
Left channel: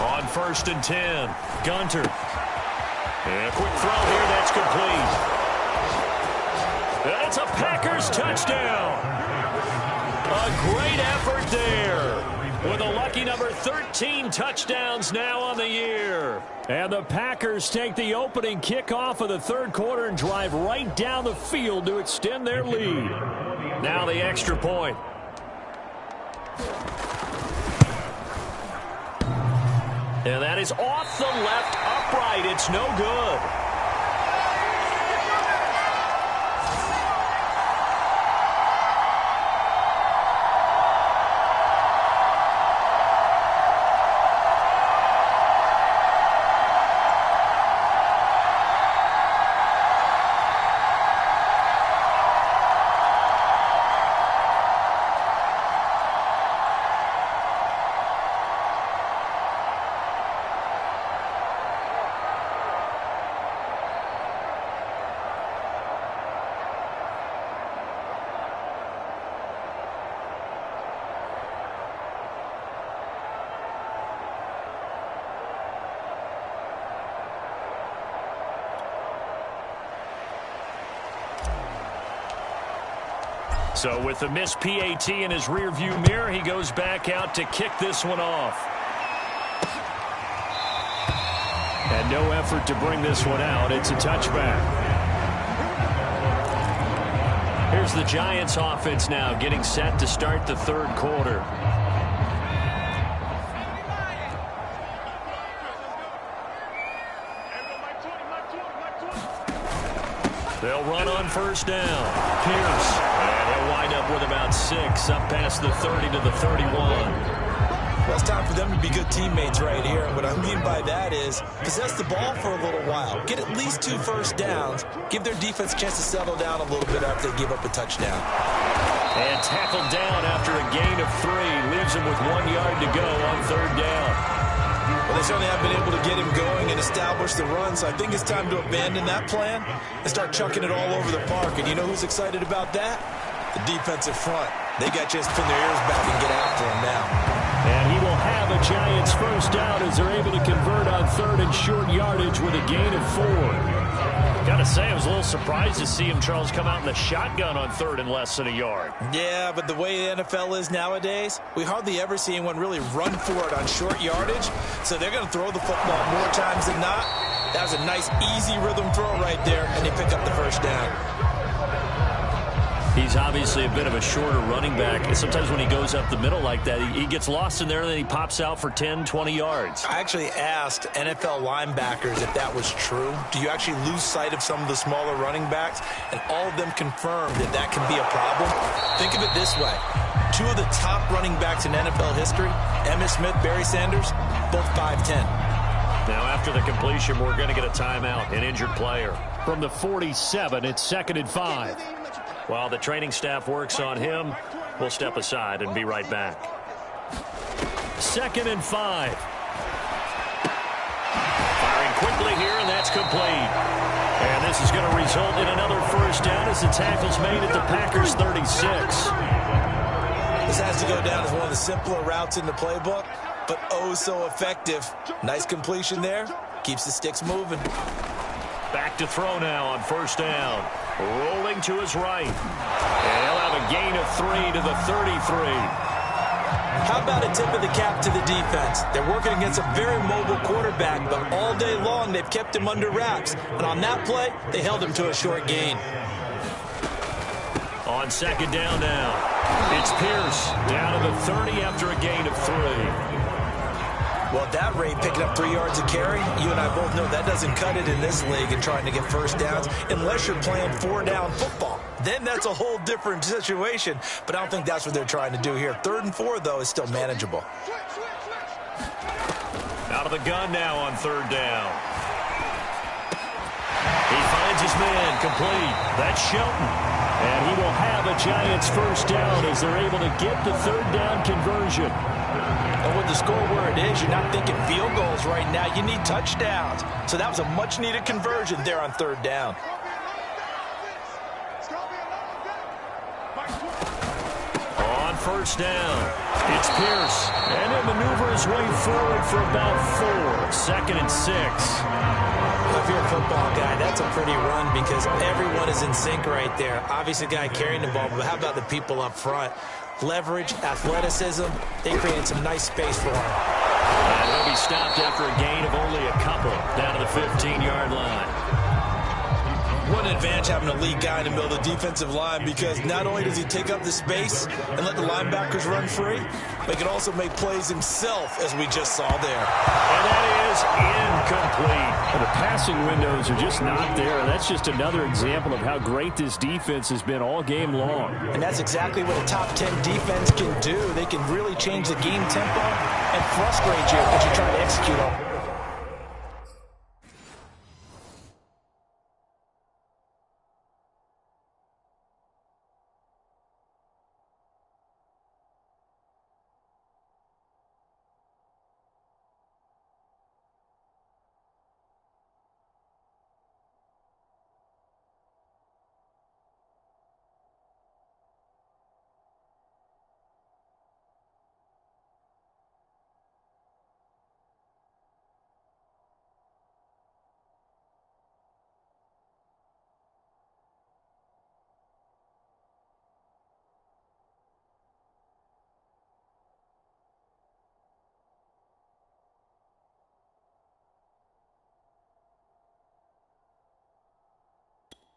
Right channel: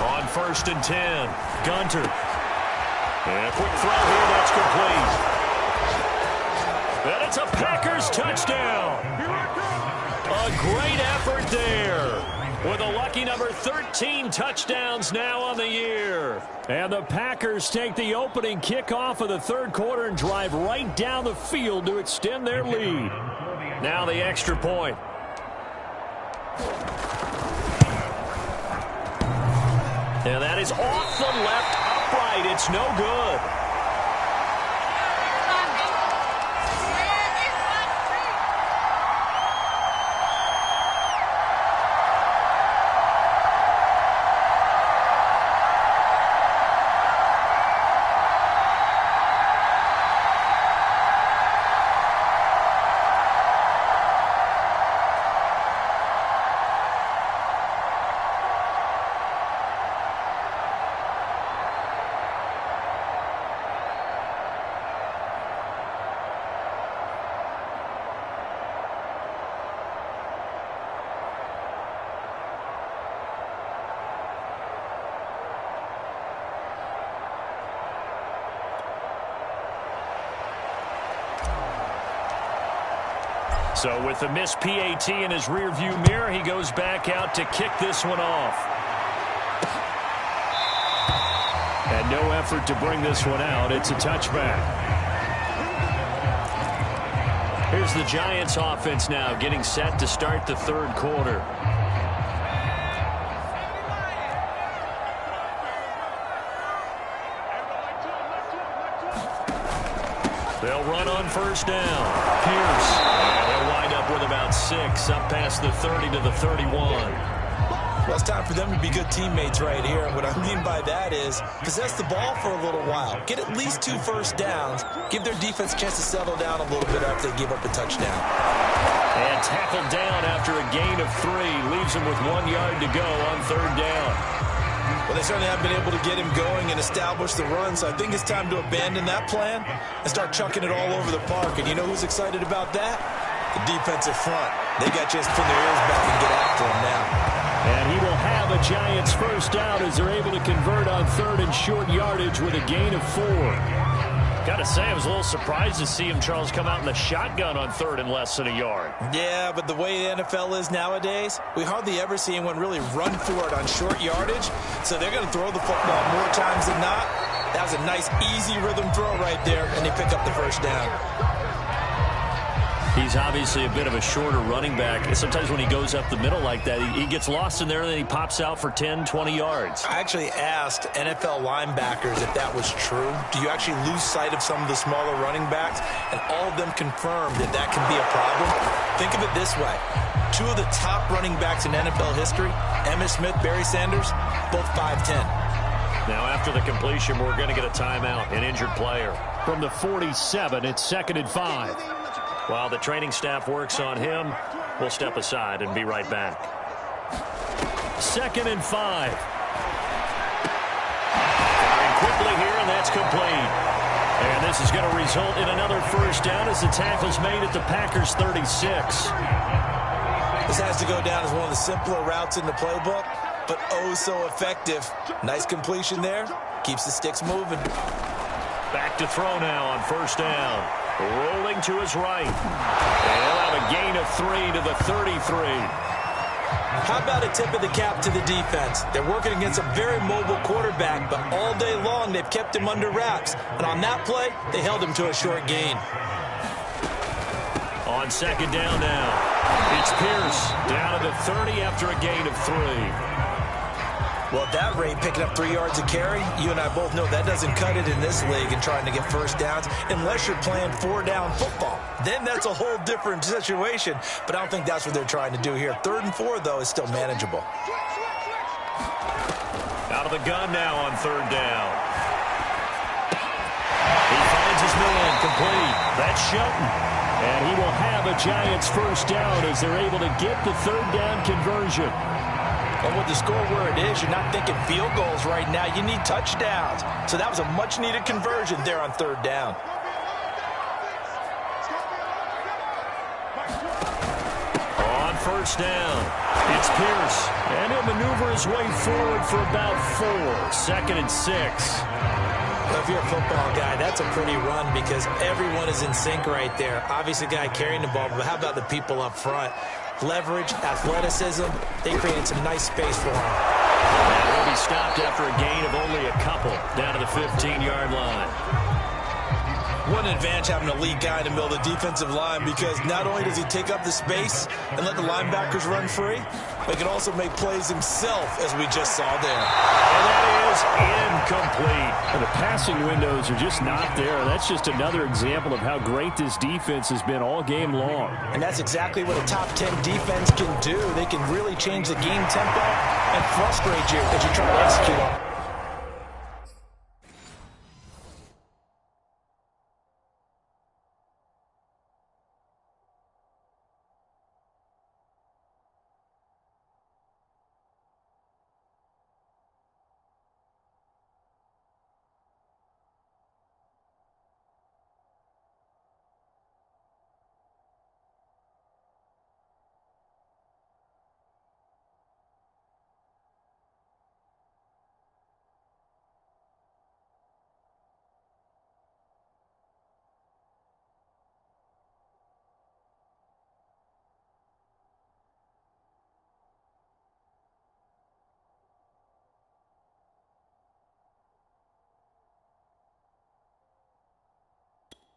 On first and 10, Gunter. And a quick throw here, that's complete. And it's a Packers touchdown. A great effort there. with a lucky number 13 touchdowns now on the year. And the Packers take the opening kickoff of the third quarter and drive right down the field to extend their lead. Now the extra point. And that is off the left upright. It's no good. So with the missed PAT in his rearview mirror, he goes back out to kick this one off. And no effort to bring this one out. It's a touchback. Here's the Giants offense now getting set to start the third quarter. They'll run on first down. Pierce. And he'll wind up with about 6 up past the 30 to the 31. Well, it's time for them to be good teammates right here. And what I mean by that is possess the ball for a little while. Get at least 2 first downs. Give their defense a chance to settle down a little bit after they give up a touchdown. And tackled down after a gain of 3. Leaves him with 1 yard to go on third down. Well, they certainly have been able to get him going and establish the run, so I think it's time to abandon that plan and start chucking it all over the park. And you know who's excited about that? The defensive front. They got a chance to pin their ears back and get after him now. And he will have a Giants first down as they're able to convert on third and short yardage with a gain of 4. Got to say, I was a little surprised to see him, Charles, come out in the shotgun on third and less than a yard. Yeah, but the way the NFL is nowadays, we hardly ever see anyone really run for it on short yardage. So they're going to throw the football more times than not. That was a nice, easy rhythm throw right there, and they pick up the first down. He's obviously a bit of a shorter running back. Sometimes when he goes up the middle like that, he gets lost in there, and then he pops out for 10, 20 yards. I actually asked NFL linebackers if that was true. Do you actually lose sight of some of the smaller running backs? And all of them confirmed that that can be a problem. Think of it this way. 2 of the top running backs in NFL history, Emmitt Smith, Barry Sanders, both 5'10". Now after the completion, we're going to get a timeout, an injured player. From the 47, it's 2nd and 5. While the training staff works on him, we'll step aside and be right back. 2nd and 5. Firing quickly here, and that's complete. And this is going to result in another first down as the tackle's made at the Packers' 36. This has to go down as one of the simpler routes in the playbook, but oh so effective. Nice completion there. Keeps the sticks moving. Back to throw now on first down. Rolling to his right. And he'll have a gain of 3 to the 33. How about a tip of the cap to the defense? They're working against a very mobile quarterback, but all day long they've kept him under wraps. And on that play, they held him to a short gain. On second down now, it's Pierce down to the 30 after a gain of 3. Well, at that rate, picking up 3 yards a carry, you and I both know that doesn't cut it in this league and trying to get first downs unless you're playing 4-down football. Then that's a whole different situation, but I don't think that's what they're trying to do here. 3rd and 4, though, is still manageable. Out of the gun now on third down. He finds his man, complete. That's Shelton. And he will have a Giants first down as they're able to get the third down conversion. Well, with the score where it is, you're not thinking field goals right now. You need touchdowns. So that was a much-needed conversion there on third down. On first down, it's Pierce. And he'll maneuver his way forward for about 4. 2nd and 6. Well, if you're a football guy, that's a pretty run because everyone is in sync right there. Obviously, the guy carrying the ball, but how about the people up front? leverage, athleticism. They created some nice space for him. And he'll be stopped after a gain of only a couple down to the 15-yard line. What an advantage having a lead guy in the middle of the defensive line, because not only does he take up the space and let the linebackers run free, but he can also make plays himself, as we just saw there. And that is incomplete. And the passing windows are just not there. That's just another example of how great this defense has been all game long. And that's exactly what a top 10 defense can do. They can really change the game tempo and frustrate you as you try to execute on.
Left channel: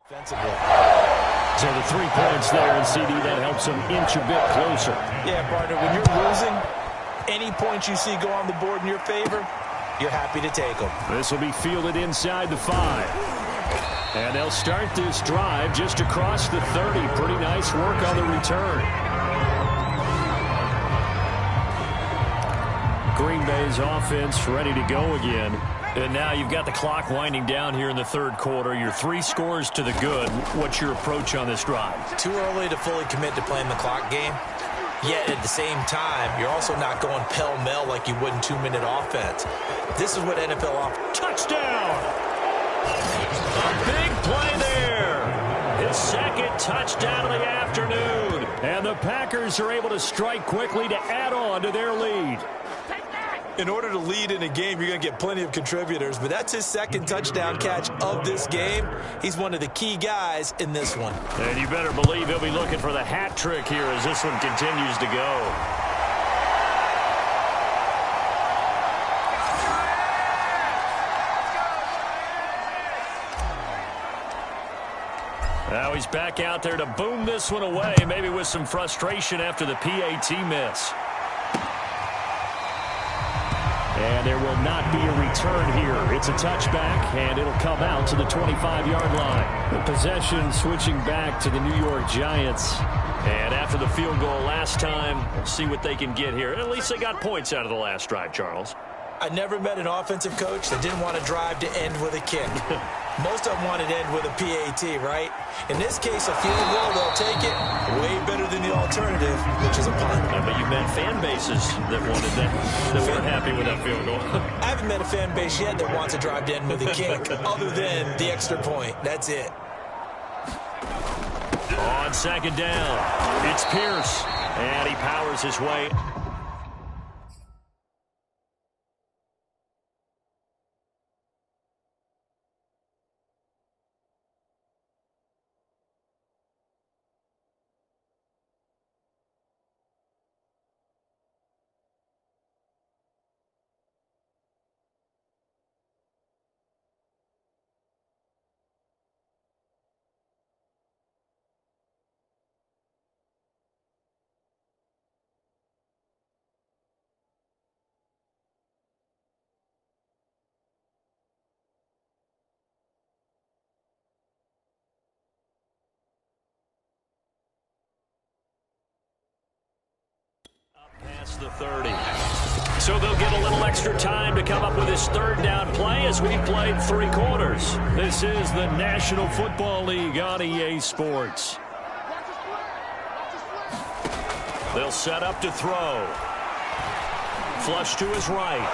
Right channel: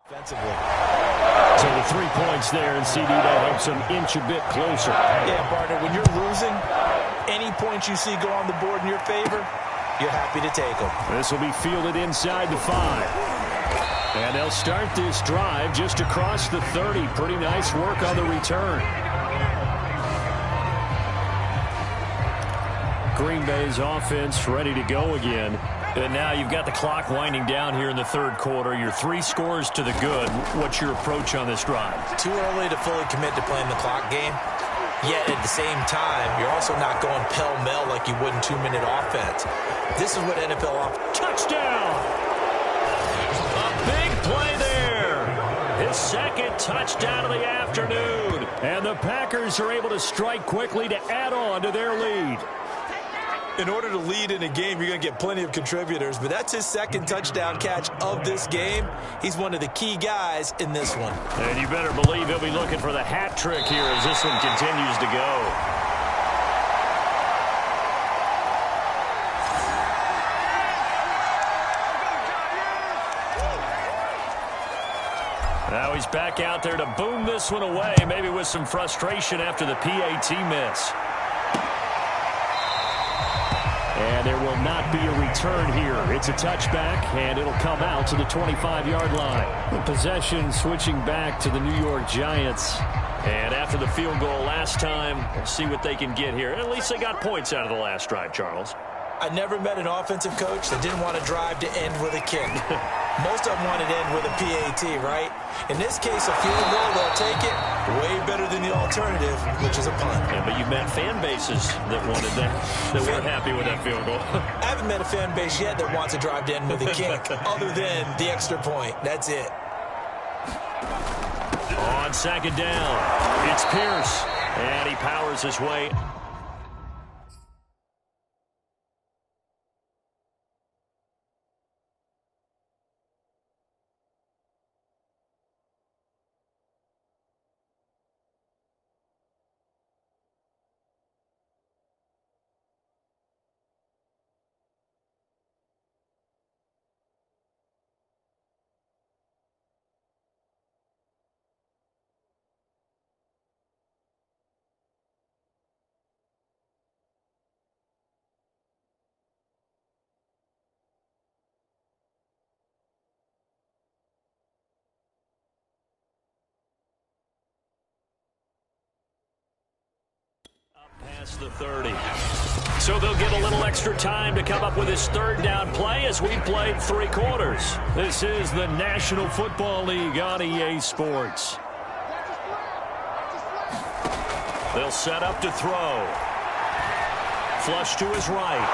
Defensively. So the 3 points there, and CD, that helps them inch a bit closer. Yeah, partner, when you're losing, any points you see go on the board in your favor, you're happy to take them. This will be fielded inside the 5. And they'll start this drive just across the 30. Pretty nice work on the return. Green Bay's offense ready to go again. And now you've got the clock winding down here in the third quarter. You're 3 scores to the good. What's your approach on this drive? Too early to fully commit to playing the clock game. Yet at the same time, you're also not going pell-mell like you would in 2-minute offense. This is what NFL offense. Touchdown! A big play there. His second touchdown of the afternoon. And the Packers are able to strike quickly to add on to their lead. In order to lead in a game, you're going to get plenty of contributors, but that's his second touchdown catch of this game. He's one of the key guys in this one. And you better believe he'll be looking for the hat trick here as this one continues to go. Now he's back out there to boom this one away, maybe with some frustration after the PAT miss. And there will not be a return here. It's a touchback, and it'll come out to the 25-yard line. The possession switching back to the New York Giants. And after the field goal last time, we'll see what they can get here. At least they got points out of the last drive, Charles. I never met an offensive coach that didn't want to drive to end with a kick. Most of them wanted to end with a PAT, right? In this case, a field goal, they'll take it. Way better than the alternative, which is a punt. Yeah, but you've met fan bases that wanted that, that weren't happy with that field goal. I haven't met a fan base yet that wants to drive to end with a kick, other than the extra point. That's it. On second down, it's Pierce, and he powers his way. Past the 30. So they'll get a little extra time to come up with his third down play as we've played 3 quarters. This is the National Football League on EA Sports. They'll set up to throw. Flush to his right.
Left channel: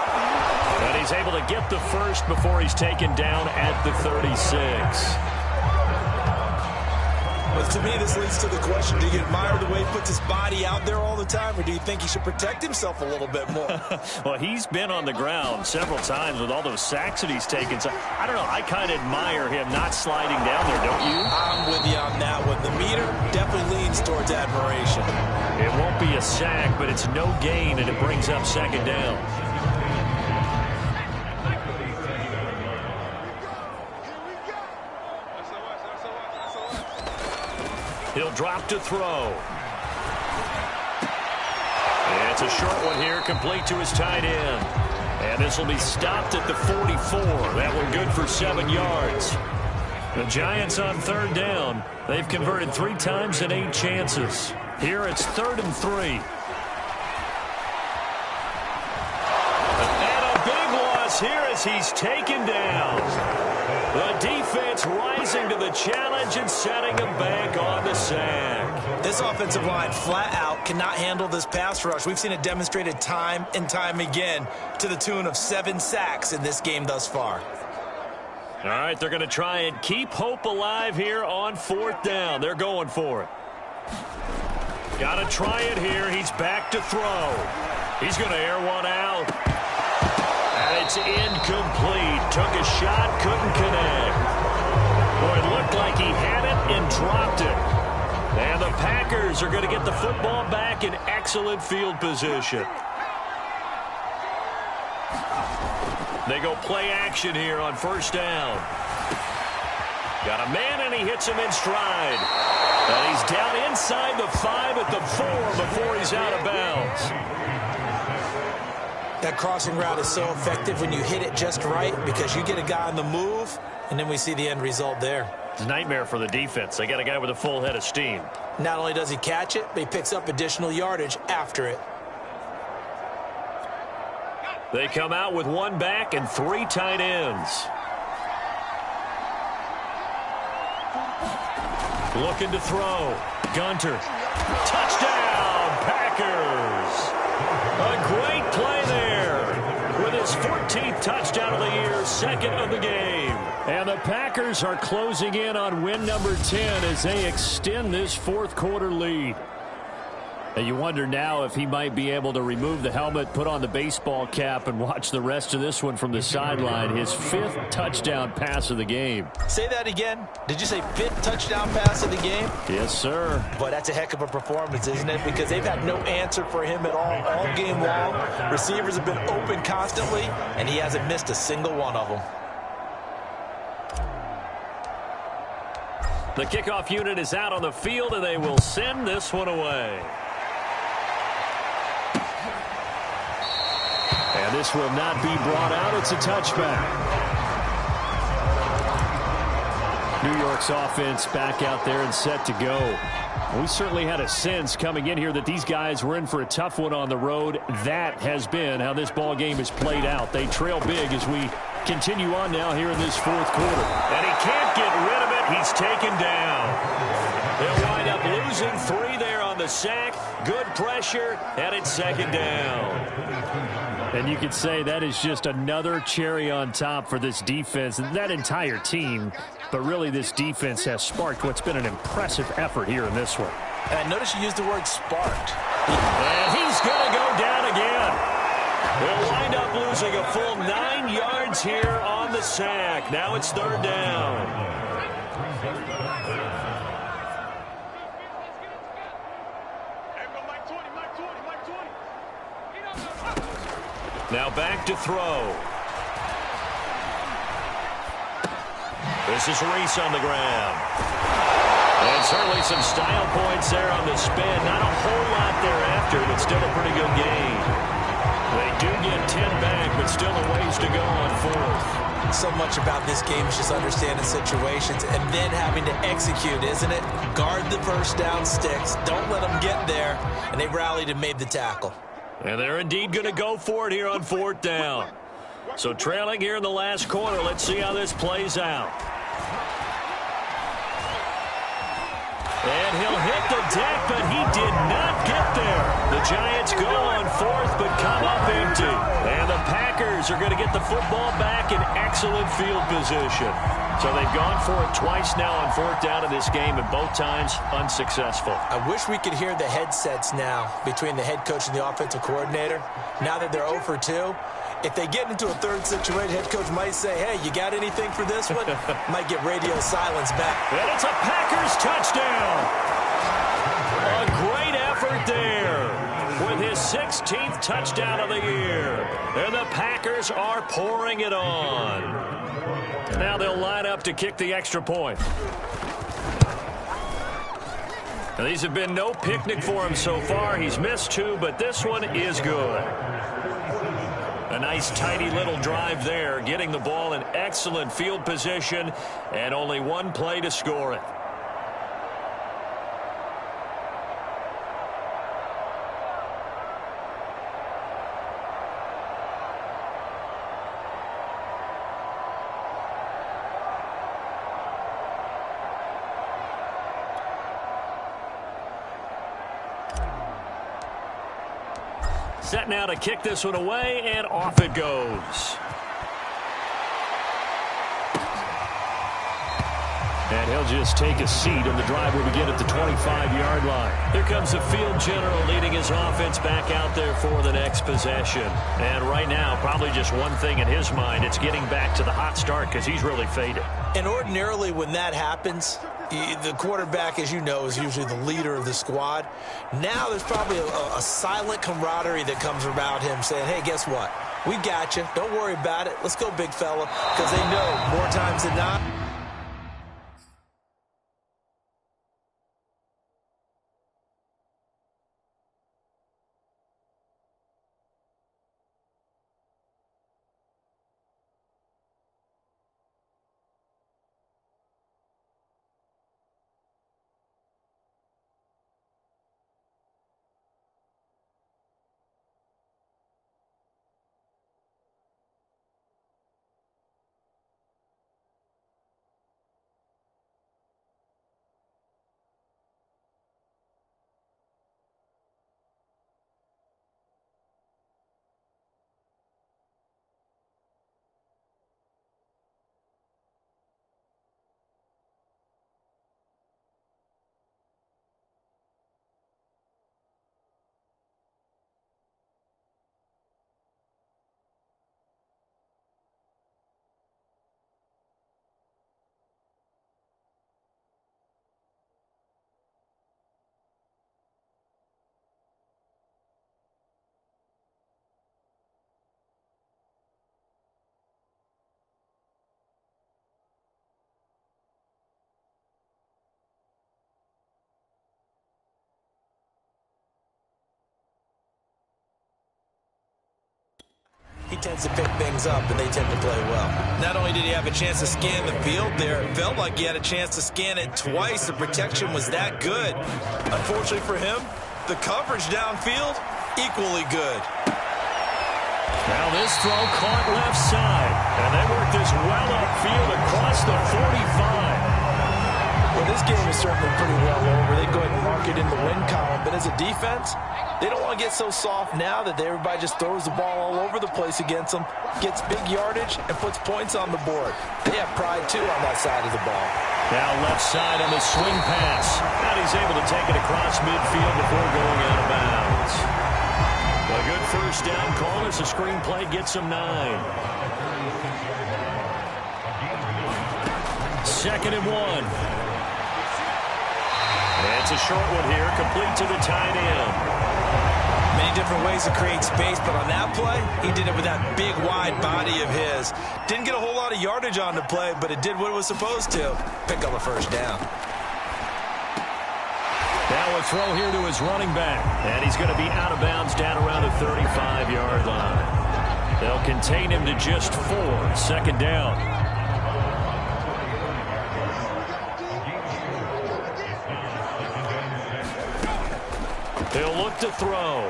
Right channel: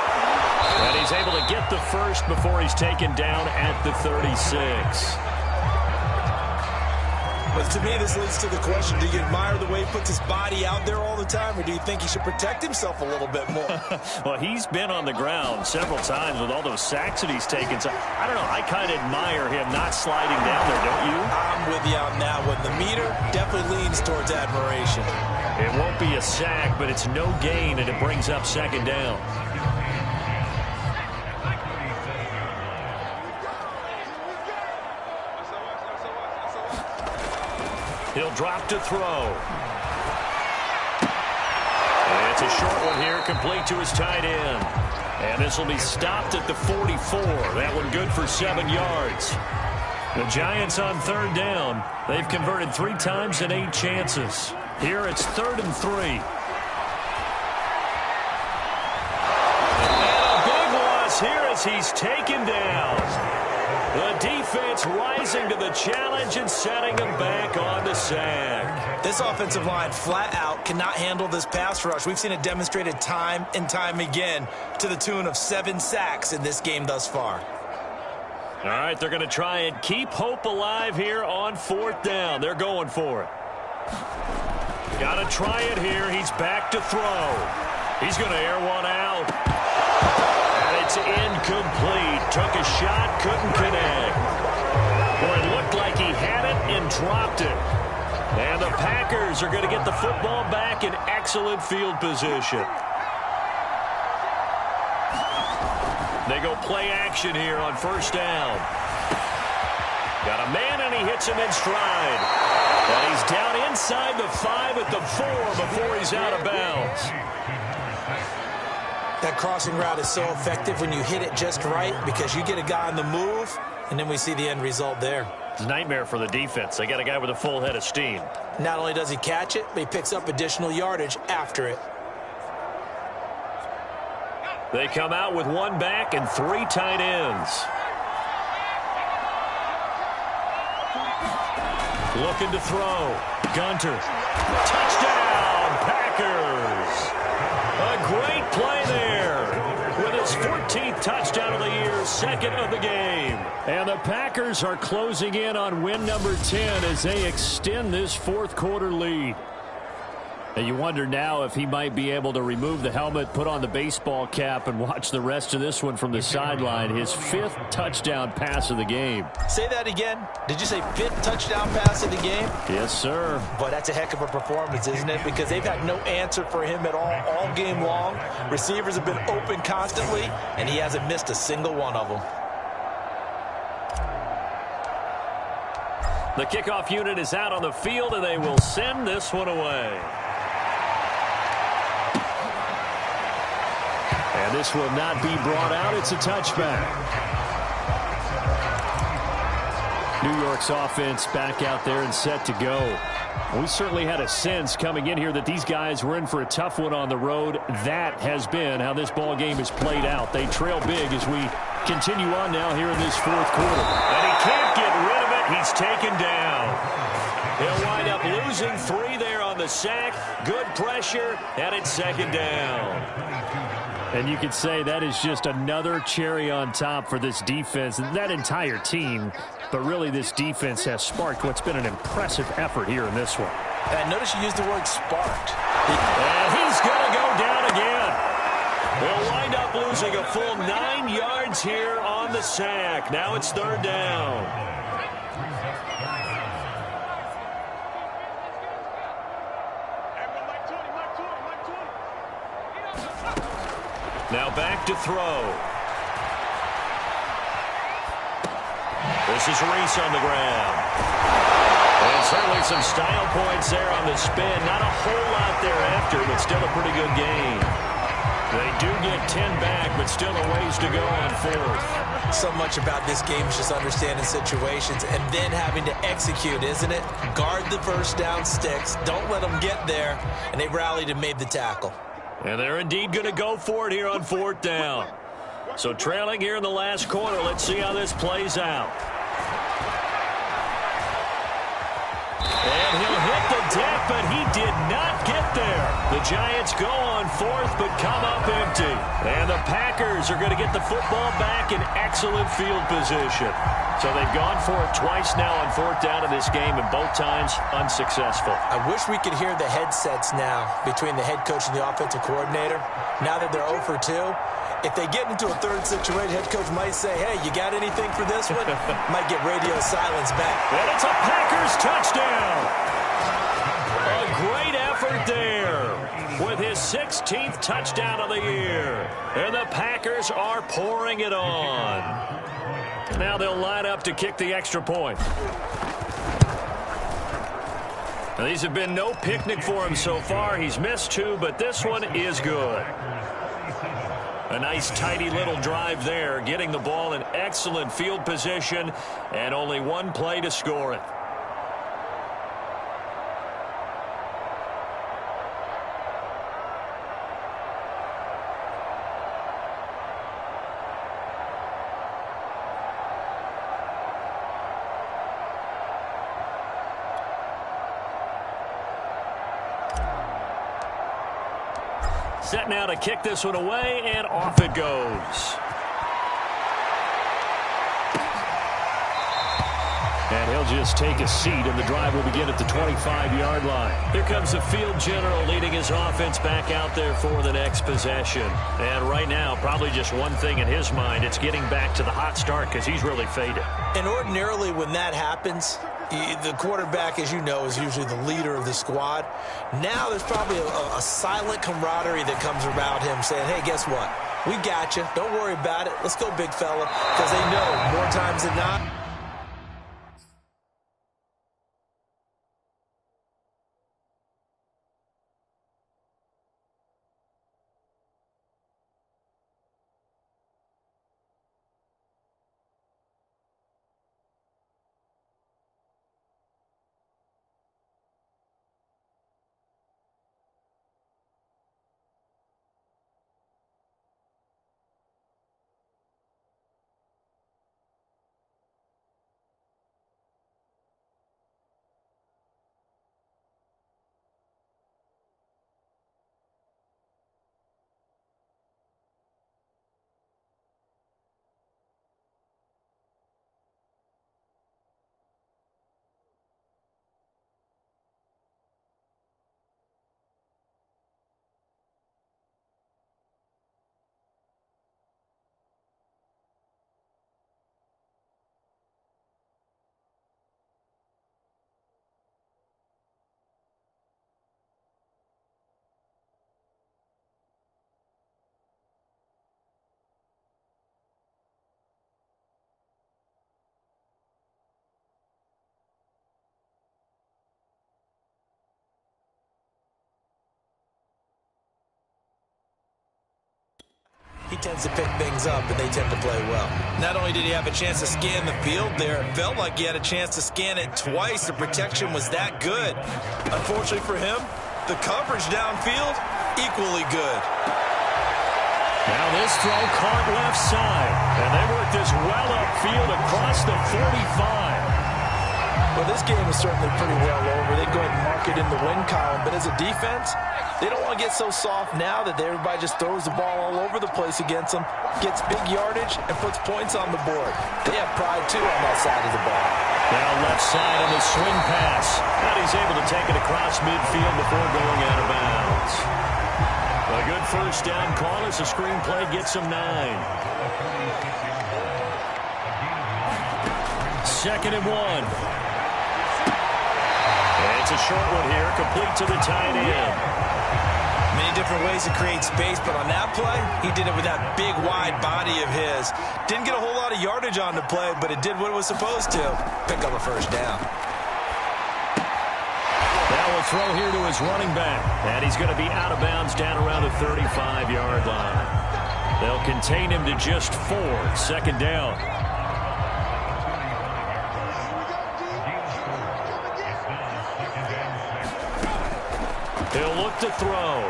And he's able to get the first before he's taken down at the 36. But to me, this leads to the question, do you admire the way he puts his body out there all the time, or do you think he should protect himself a little bit more? Well, he's been on the ground several times with all those sacks that he's taken. So, I don't know. I kind of admire him not sliding down there, don't you? I'm with you on that one. The meter definitely leans towards admiration. It won't be a sack, but it's no gain, and it brings up second down. He'll drop to throw. And it's a short one here, complete to his tight end. And this will be stopped at the 44. That one good for 7 yards. The Giants on third down. They've converted 3 times in 8 chances. Here it's 3rd and 3. And a big loss here as he's taken down. The defense rising to the challenge and setting him back on the sack. This offensive line flat out cannot handle this pass rush. We've seen it demonstrated time and time again to the tune of 7 sacks in this game thus far. All right, they're going to try and keep hope alive here on 4th down. They're going for it. Got to try it here. He's back to throw. He's going to air one out. And it's incomplete. Took a shot, couldn't connect. Boy, it looked like he had it and dropped it. And the Packers are going to get the football back in excellent field position. They go play action here on 1st down. Got a man, and he hits him in stride. And he's down inside the 5 at the 4 before he's out of bounds. That crossing route is so effective when you hit it just right because you get a guy on the move, and then we see the end result there. It's a nightmare for the defense. They got a guy with a full head of steam. Not only does he catch it, but he picks up additional yardage after it. They come out with 1 back and 3 tight ends. Looking to throw. Gunter. Touchdown, Packers. A great play there with his 14th touchdown of the year, 2nd of the game. And the Packers are closing in on win number 10 as they extend this 4th quarter lead. And you wonder now if he might be able to remove the helmet, put on the baseball cap, and watch the rest of this one from the sideline. His 5th touchdown pass of the game. Say that again. Did you say 5th touchdown pass of the game? Yes, sir. But that's a heck of a performance, isn't it? Because they've had no answer for him at all game long. Receivers have been open constantly, and he hasn't missed a single one of them. The kickoff unit is out on the field, and they will send this one away. And this will not be brought out. It's a touchback. New York's offense back out there and set to go. We certainly had a sense coming in here that these guys were in for a tough one on the road. That has been how this ball game is played out. They trail big as we continue on now here in this 4th quarter. And he can't get rid of it. He's taken down. He'll wind up losing 3 there on the sack. Good pressure, and it's 2nd down. And you could say that is just another cherry on top for this defense and that entire team. But really, this defense has sparked what's been an impressive effort here in this one. And notice you used the word sparked. And he's going to go down again. He'll wind up losing a full 9 yards here on the sack. Now it's 3rd down. Now back to throw. This is Reese on the ground. And certainly some style points there on the spin. Not a whole lot thereafter, but still a pretty good gain. They do get 10 back, but still a ways to go on 4th. So much about this game is just understanding situations and then having to execute, isn't it? Guard the first down sticks. Don't let them get there. And they rallied and made the tackle. And they're indeed going to go for it here on 4th down. So trailing here in the last quarter, let's see how this plays out. And he'll hit the deck, but he did not get get there. The Giants go on fourth, but come up empty. And the Packers are going to get the football back in excellent field position. So they've gone for it twice now on fourth down in this game, and both times unsuccessful. I wish we could hear the headsets now between the head coach and the offensive coordinator. Now that they're 0 for 2, if they get into a third situation, head coach might say, hey, you got anything for this one? Might get radio silence back. And it's a Packers touchdown. A great effort there with his 16th touchdown of the year. And the Packers are pouring it on. Now they'll line up to kick the extra point. Now, these have been no picnic for him so far. He's missed 2, but this one is good. A nice, tidy little drive there, getting the ball in excellent field position, and only one play to score it. Set now to kick this one away, and off it goes. And he'll just take a seat, and the drive will begin at the 25-yard line. Here comes the field general leading his offense back out there for the next possession. And right now, probably just one thing in his mind, it's getting back to the hot start because he's really faded. And ordinarily when that happens, the quarterback, as you know, is usually the leader of the squad. Now there's probably a silent camaraderie that comes around him saying, hey, guess what? We got you. Don't worry about it. Let's go, big fella, because they know more times than not. He tends to pick things up, and they tend to play well. Not only did he have a chance to scan the field there, it felt like he had a chance to scan it twice. The protection was that good. Unfortunately for him, the coverage downfield, equally good. Now this throw caught left side, and they work this well upfield across the 45. Well, this game is certainly pretty well over. They go ahead and mark it in the win column. But as a defense, they don't want to get so soft now that everybody just throws the ball all over the place against them, gets big yardage, and puts points on the board. They have pride, too, on that side of the ball. Now left side on the swing pass. And he's able to take it across midfield before going out of bounds. A good first down call as the screenplay gets him 9. 2nd and 1. It's a short one here, complete to the tight end. Many different ways to create space, but on that play, he did it with that big, wide body of his. Didn't get a whole lot of yardage on the play, but it did what it was supposed to. Pick up a first down. Now a throw here to his running back, and he's going to be out of bounds down around the 35-yard line. They'll contain him to just 4, 2nd down. He'll look to throw.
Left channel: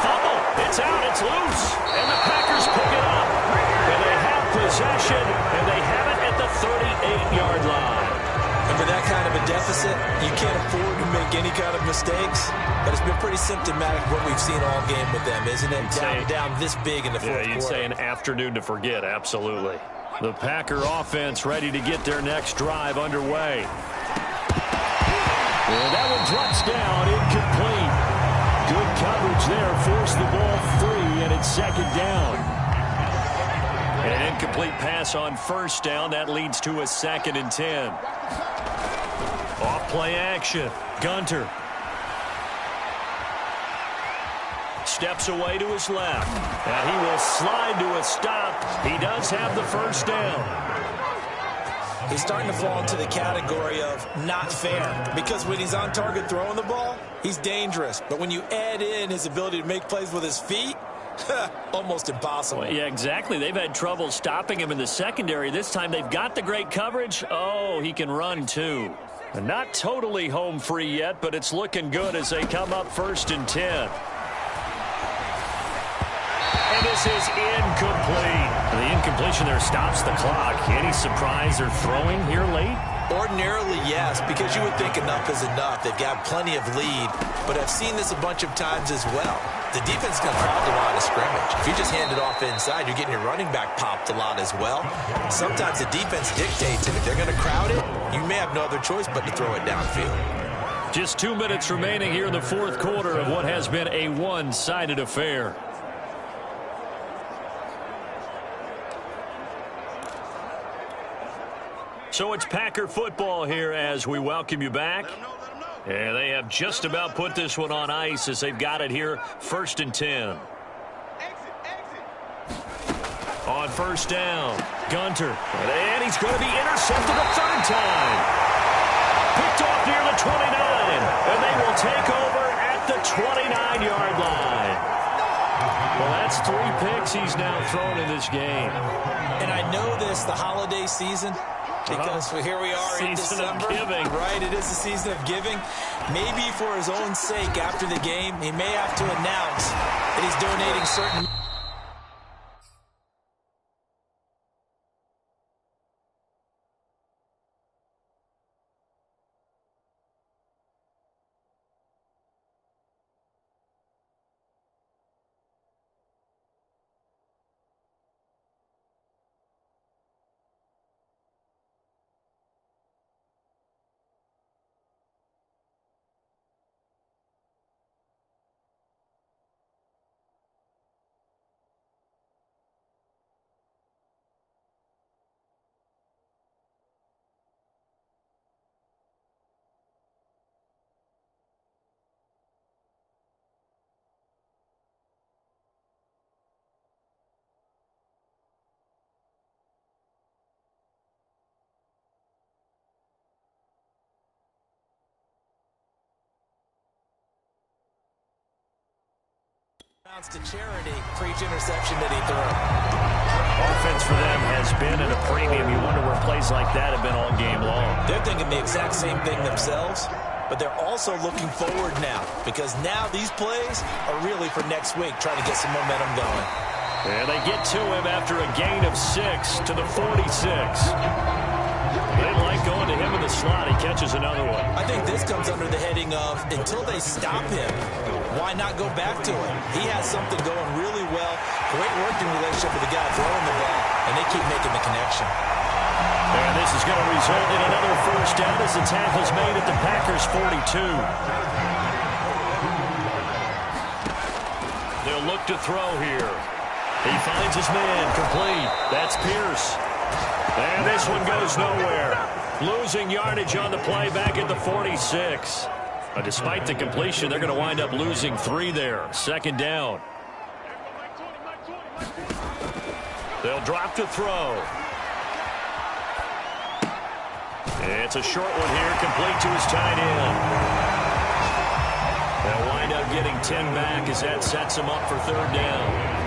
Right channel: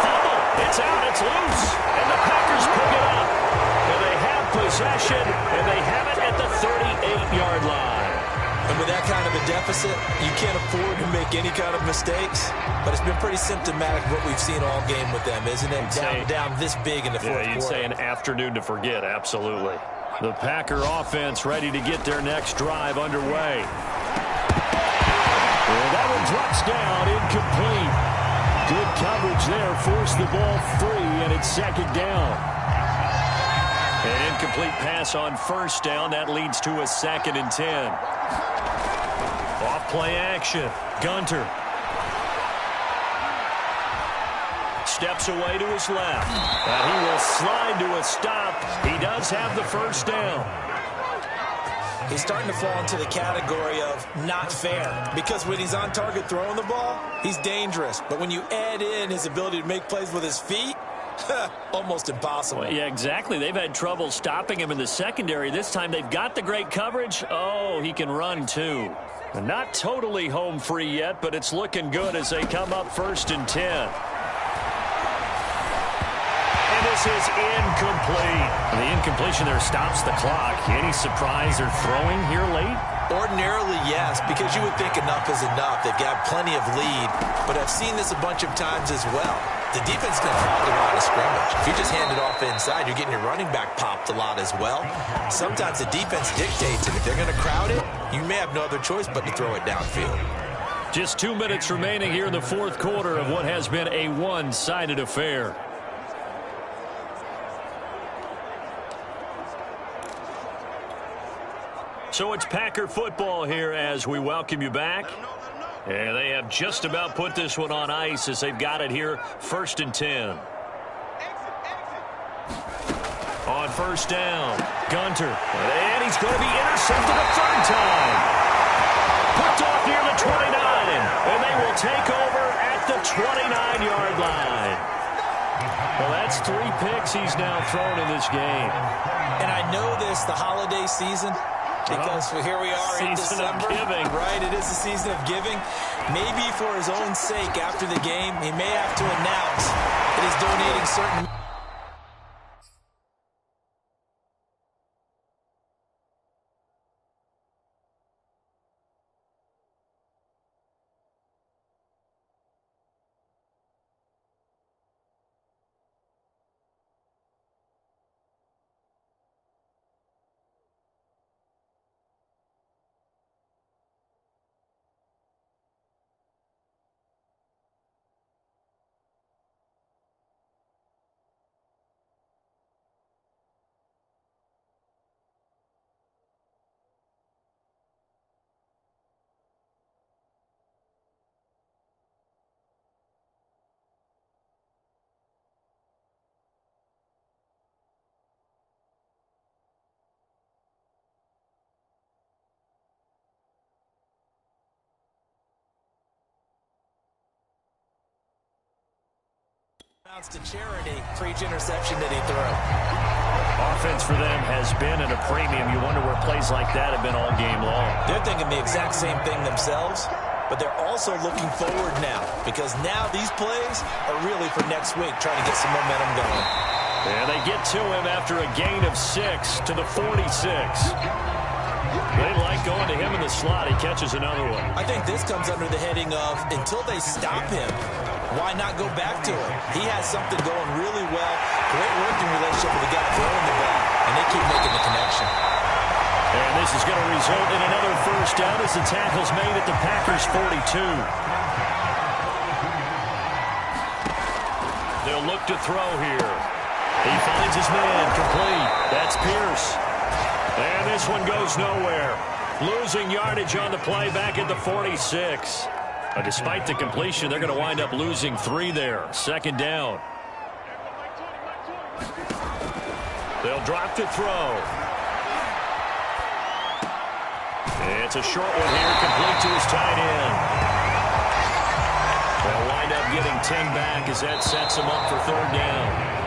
Fumble. It's out. It's loose. And the Packers pick it up. And they have possession, and they have it at the 38-yard line. And with that kind of a deficit, you can't afford to make any kind of mistakes. But it's been pretty symptomatic of what we've seen all game with them, isn't it? Down this big in the fourth quarter. You'd say an afternoon to forget, absolutely. The Packer offense ready to get their next drive underway. And that one drops down, incomplete. Good coverage there, forced the ball free, and it's second down. An incomplete pass on first down. That leads to a 2nd and 10. Off play action. Gunter. Steps away to his left. And he will slide to a stop. He does have the first down. He's starting to fall into the category of not fair, because when he's on target throwing the ball, he's dangerous. But when you add in his ability to make plays with his feet, almost impossible. Well, yeah, exactly. They've had trouble stopping him in the secondary. This time they've got the great coverage. Oh, he can run too. Not totally home free yet, but it's looking good as they come up 1st and 10. And this is incomplete. The incompletion there stops the clock. Any surprise they're throwing here late? Ordinarily, yes, because you would think enough is enough. They've got plenty of lead, but I've seen this a bunch of times as well. The defense is going to crowd the line of scrimmage. If you just hand it off inside, you're getting your running back popped a lot as well. Sometimes the defense dictates it. If they're going to crowd it, you may have no other choice but to throw it downfield. Just 2 minutes remaining here in the fourth quarter of what has been a one-sided affair. So it's Packer football here as we welcome you back. And they have just about put this one on ice as they've got it here, 1st and 10. On first down, Gunter. And he's going to be intercepted a 3rd time. Picked off near the 29. And they will take over at the 29-yard line. Well, that's 3 picks he's now thrown in this game. And I know this, the holiday season, because here we are in December, right? It is the season of giving. Maybe for his own sake after the game, he may have to announce that he's donating certain... to charity for each interception that he threw. Offense for them has been at a premium. You wonder where plays like that have been all game long. They're thinking the exact same thing themselves, but they're also looking forward now, because now these plays are really for next week, trying to get some momentum going. And they get to him after a gain of 6 to the 46. They like going to him in the slot. He catches another one. I think this comes under the heading of, until they stop him, why not go back to him? He has something going really well. Great working relationship with the guy throwing the ball, and they keep making the connection. And this is going to result in another first down as the tackle's made at the Packers' 42. They'll look to throw here. He finds his man, complete. That's Pierce. And this one goes nowhere. Losing yardage on the play back at the 46. Despite the completion, they're going to wind up losing 3 there. 2nd down. They'll drop to throw. It's a short one here, complete to his tight end. They'll wind up getting 10 back as that sets them up for 3rd down.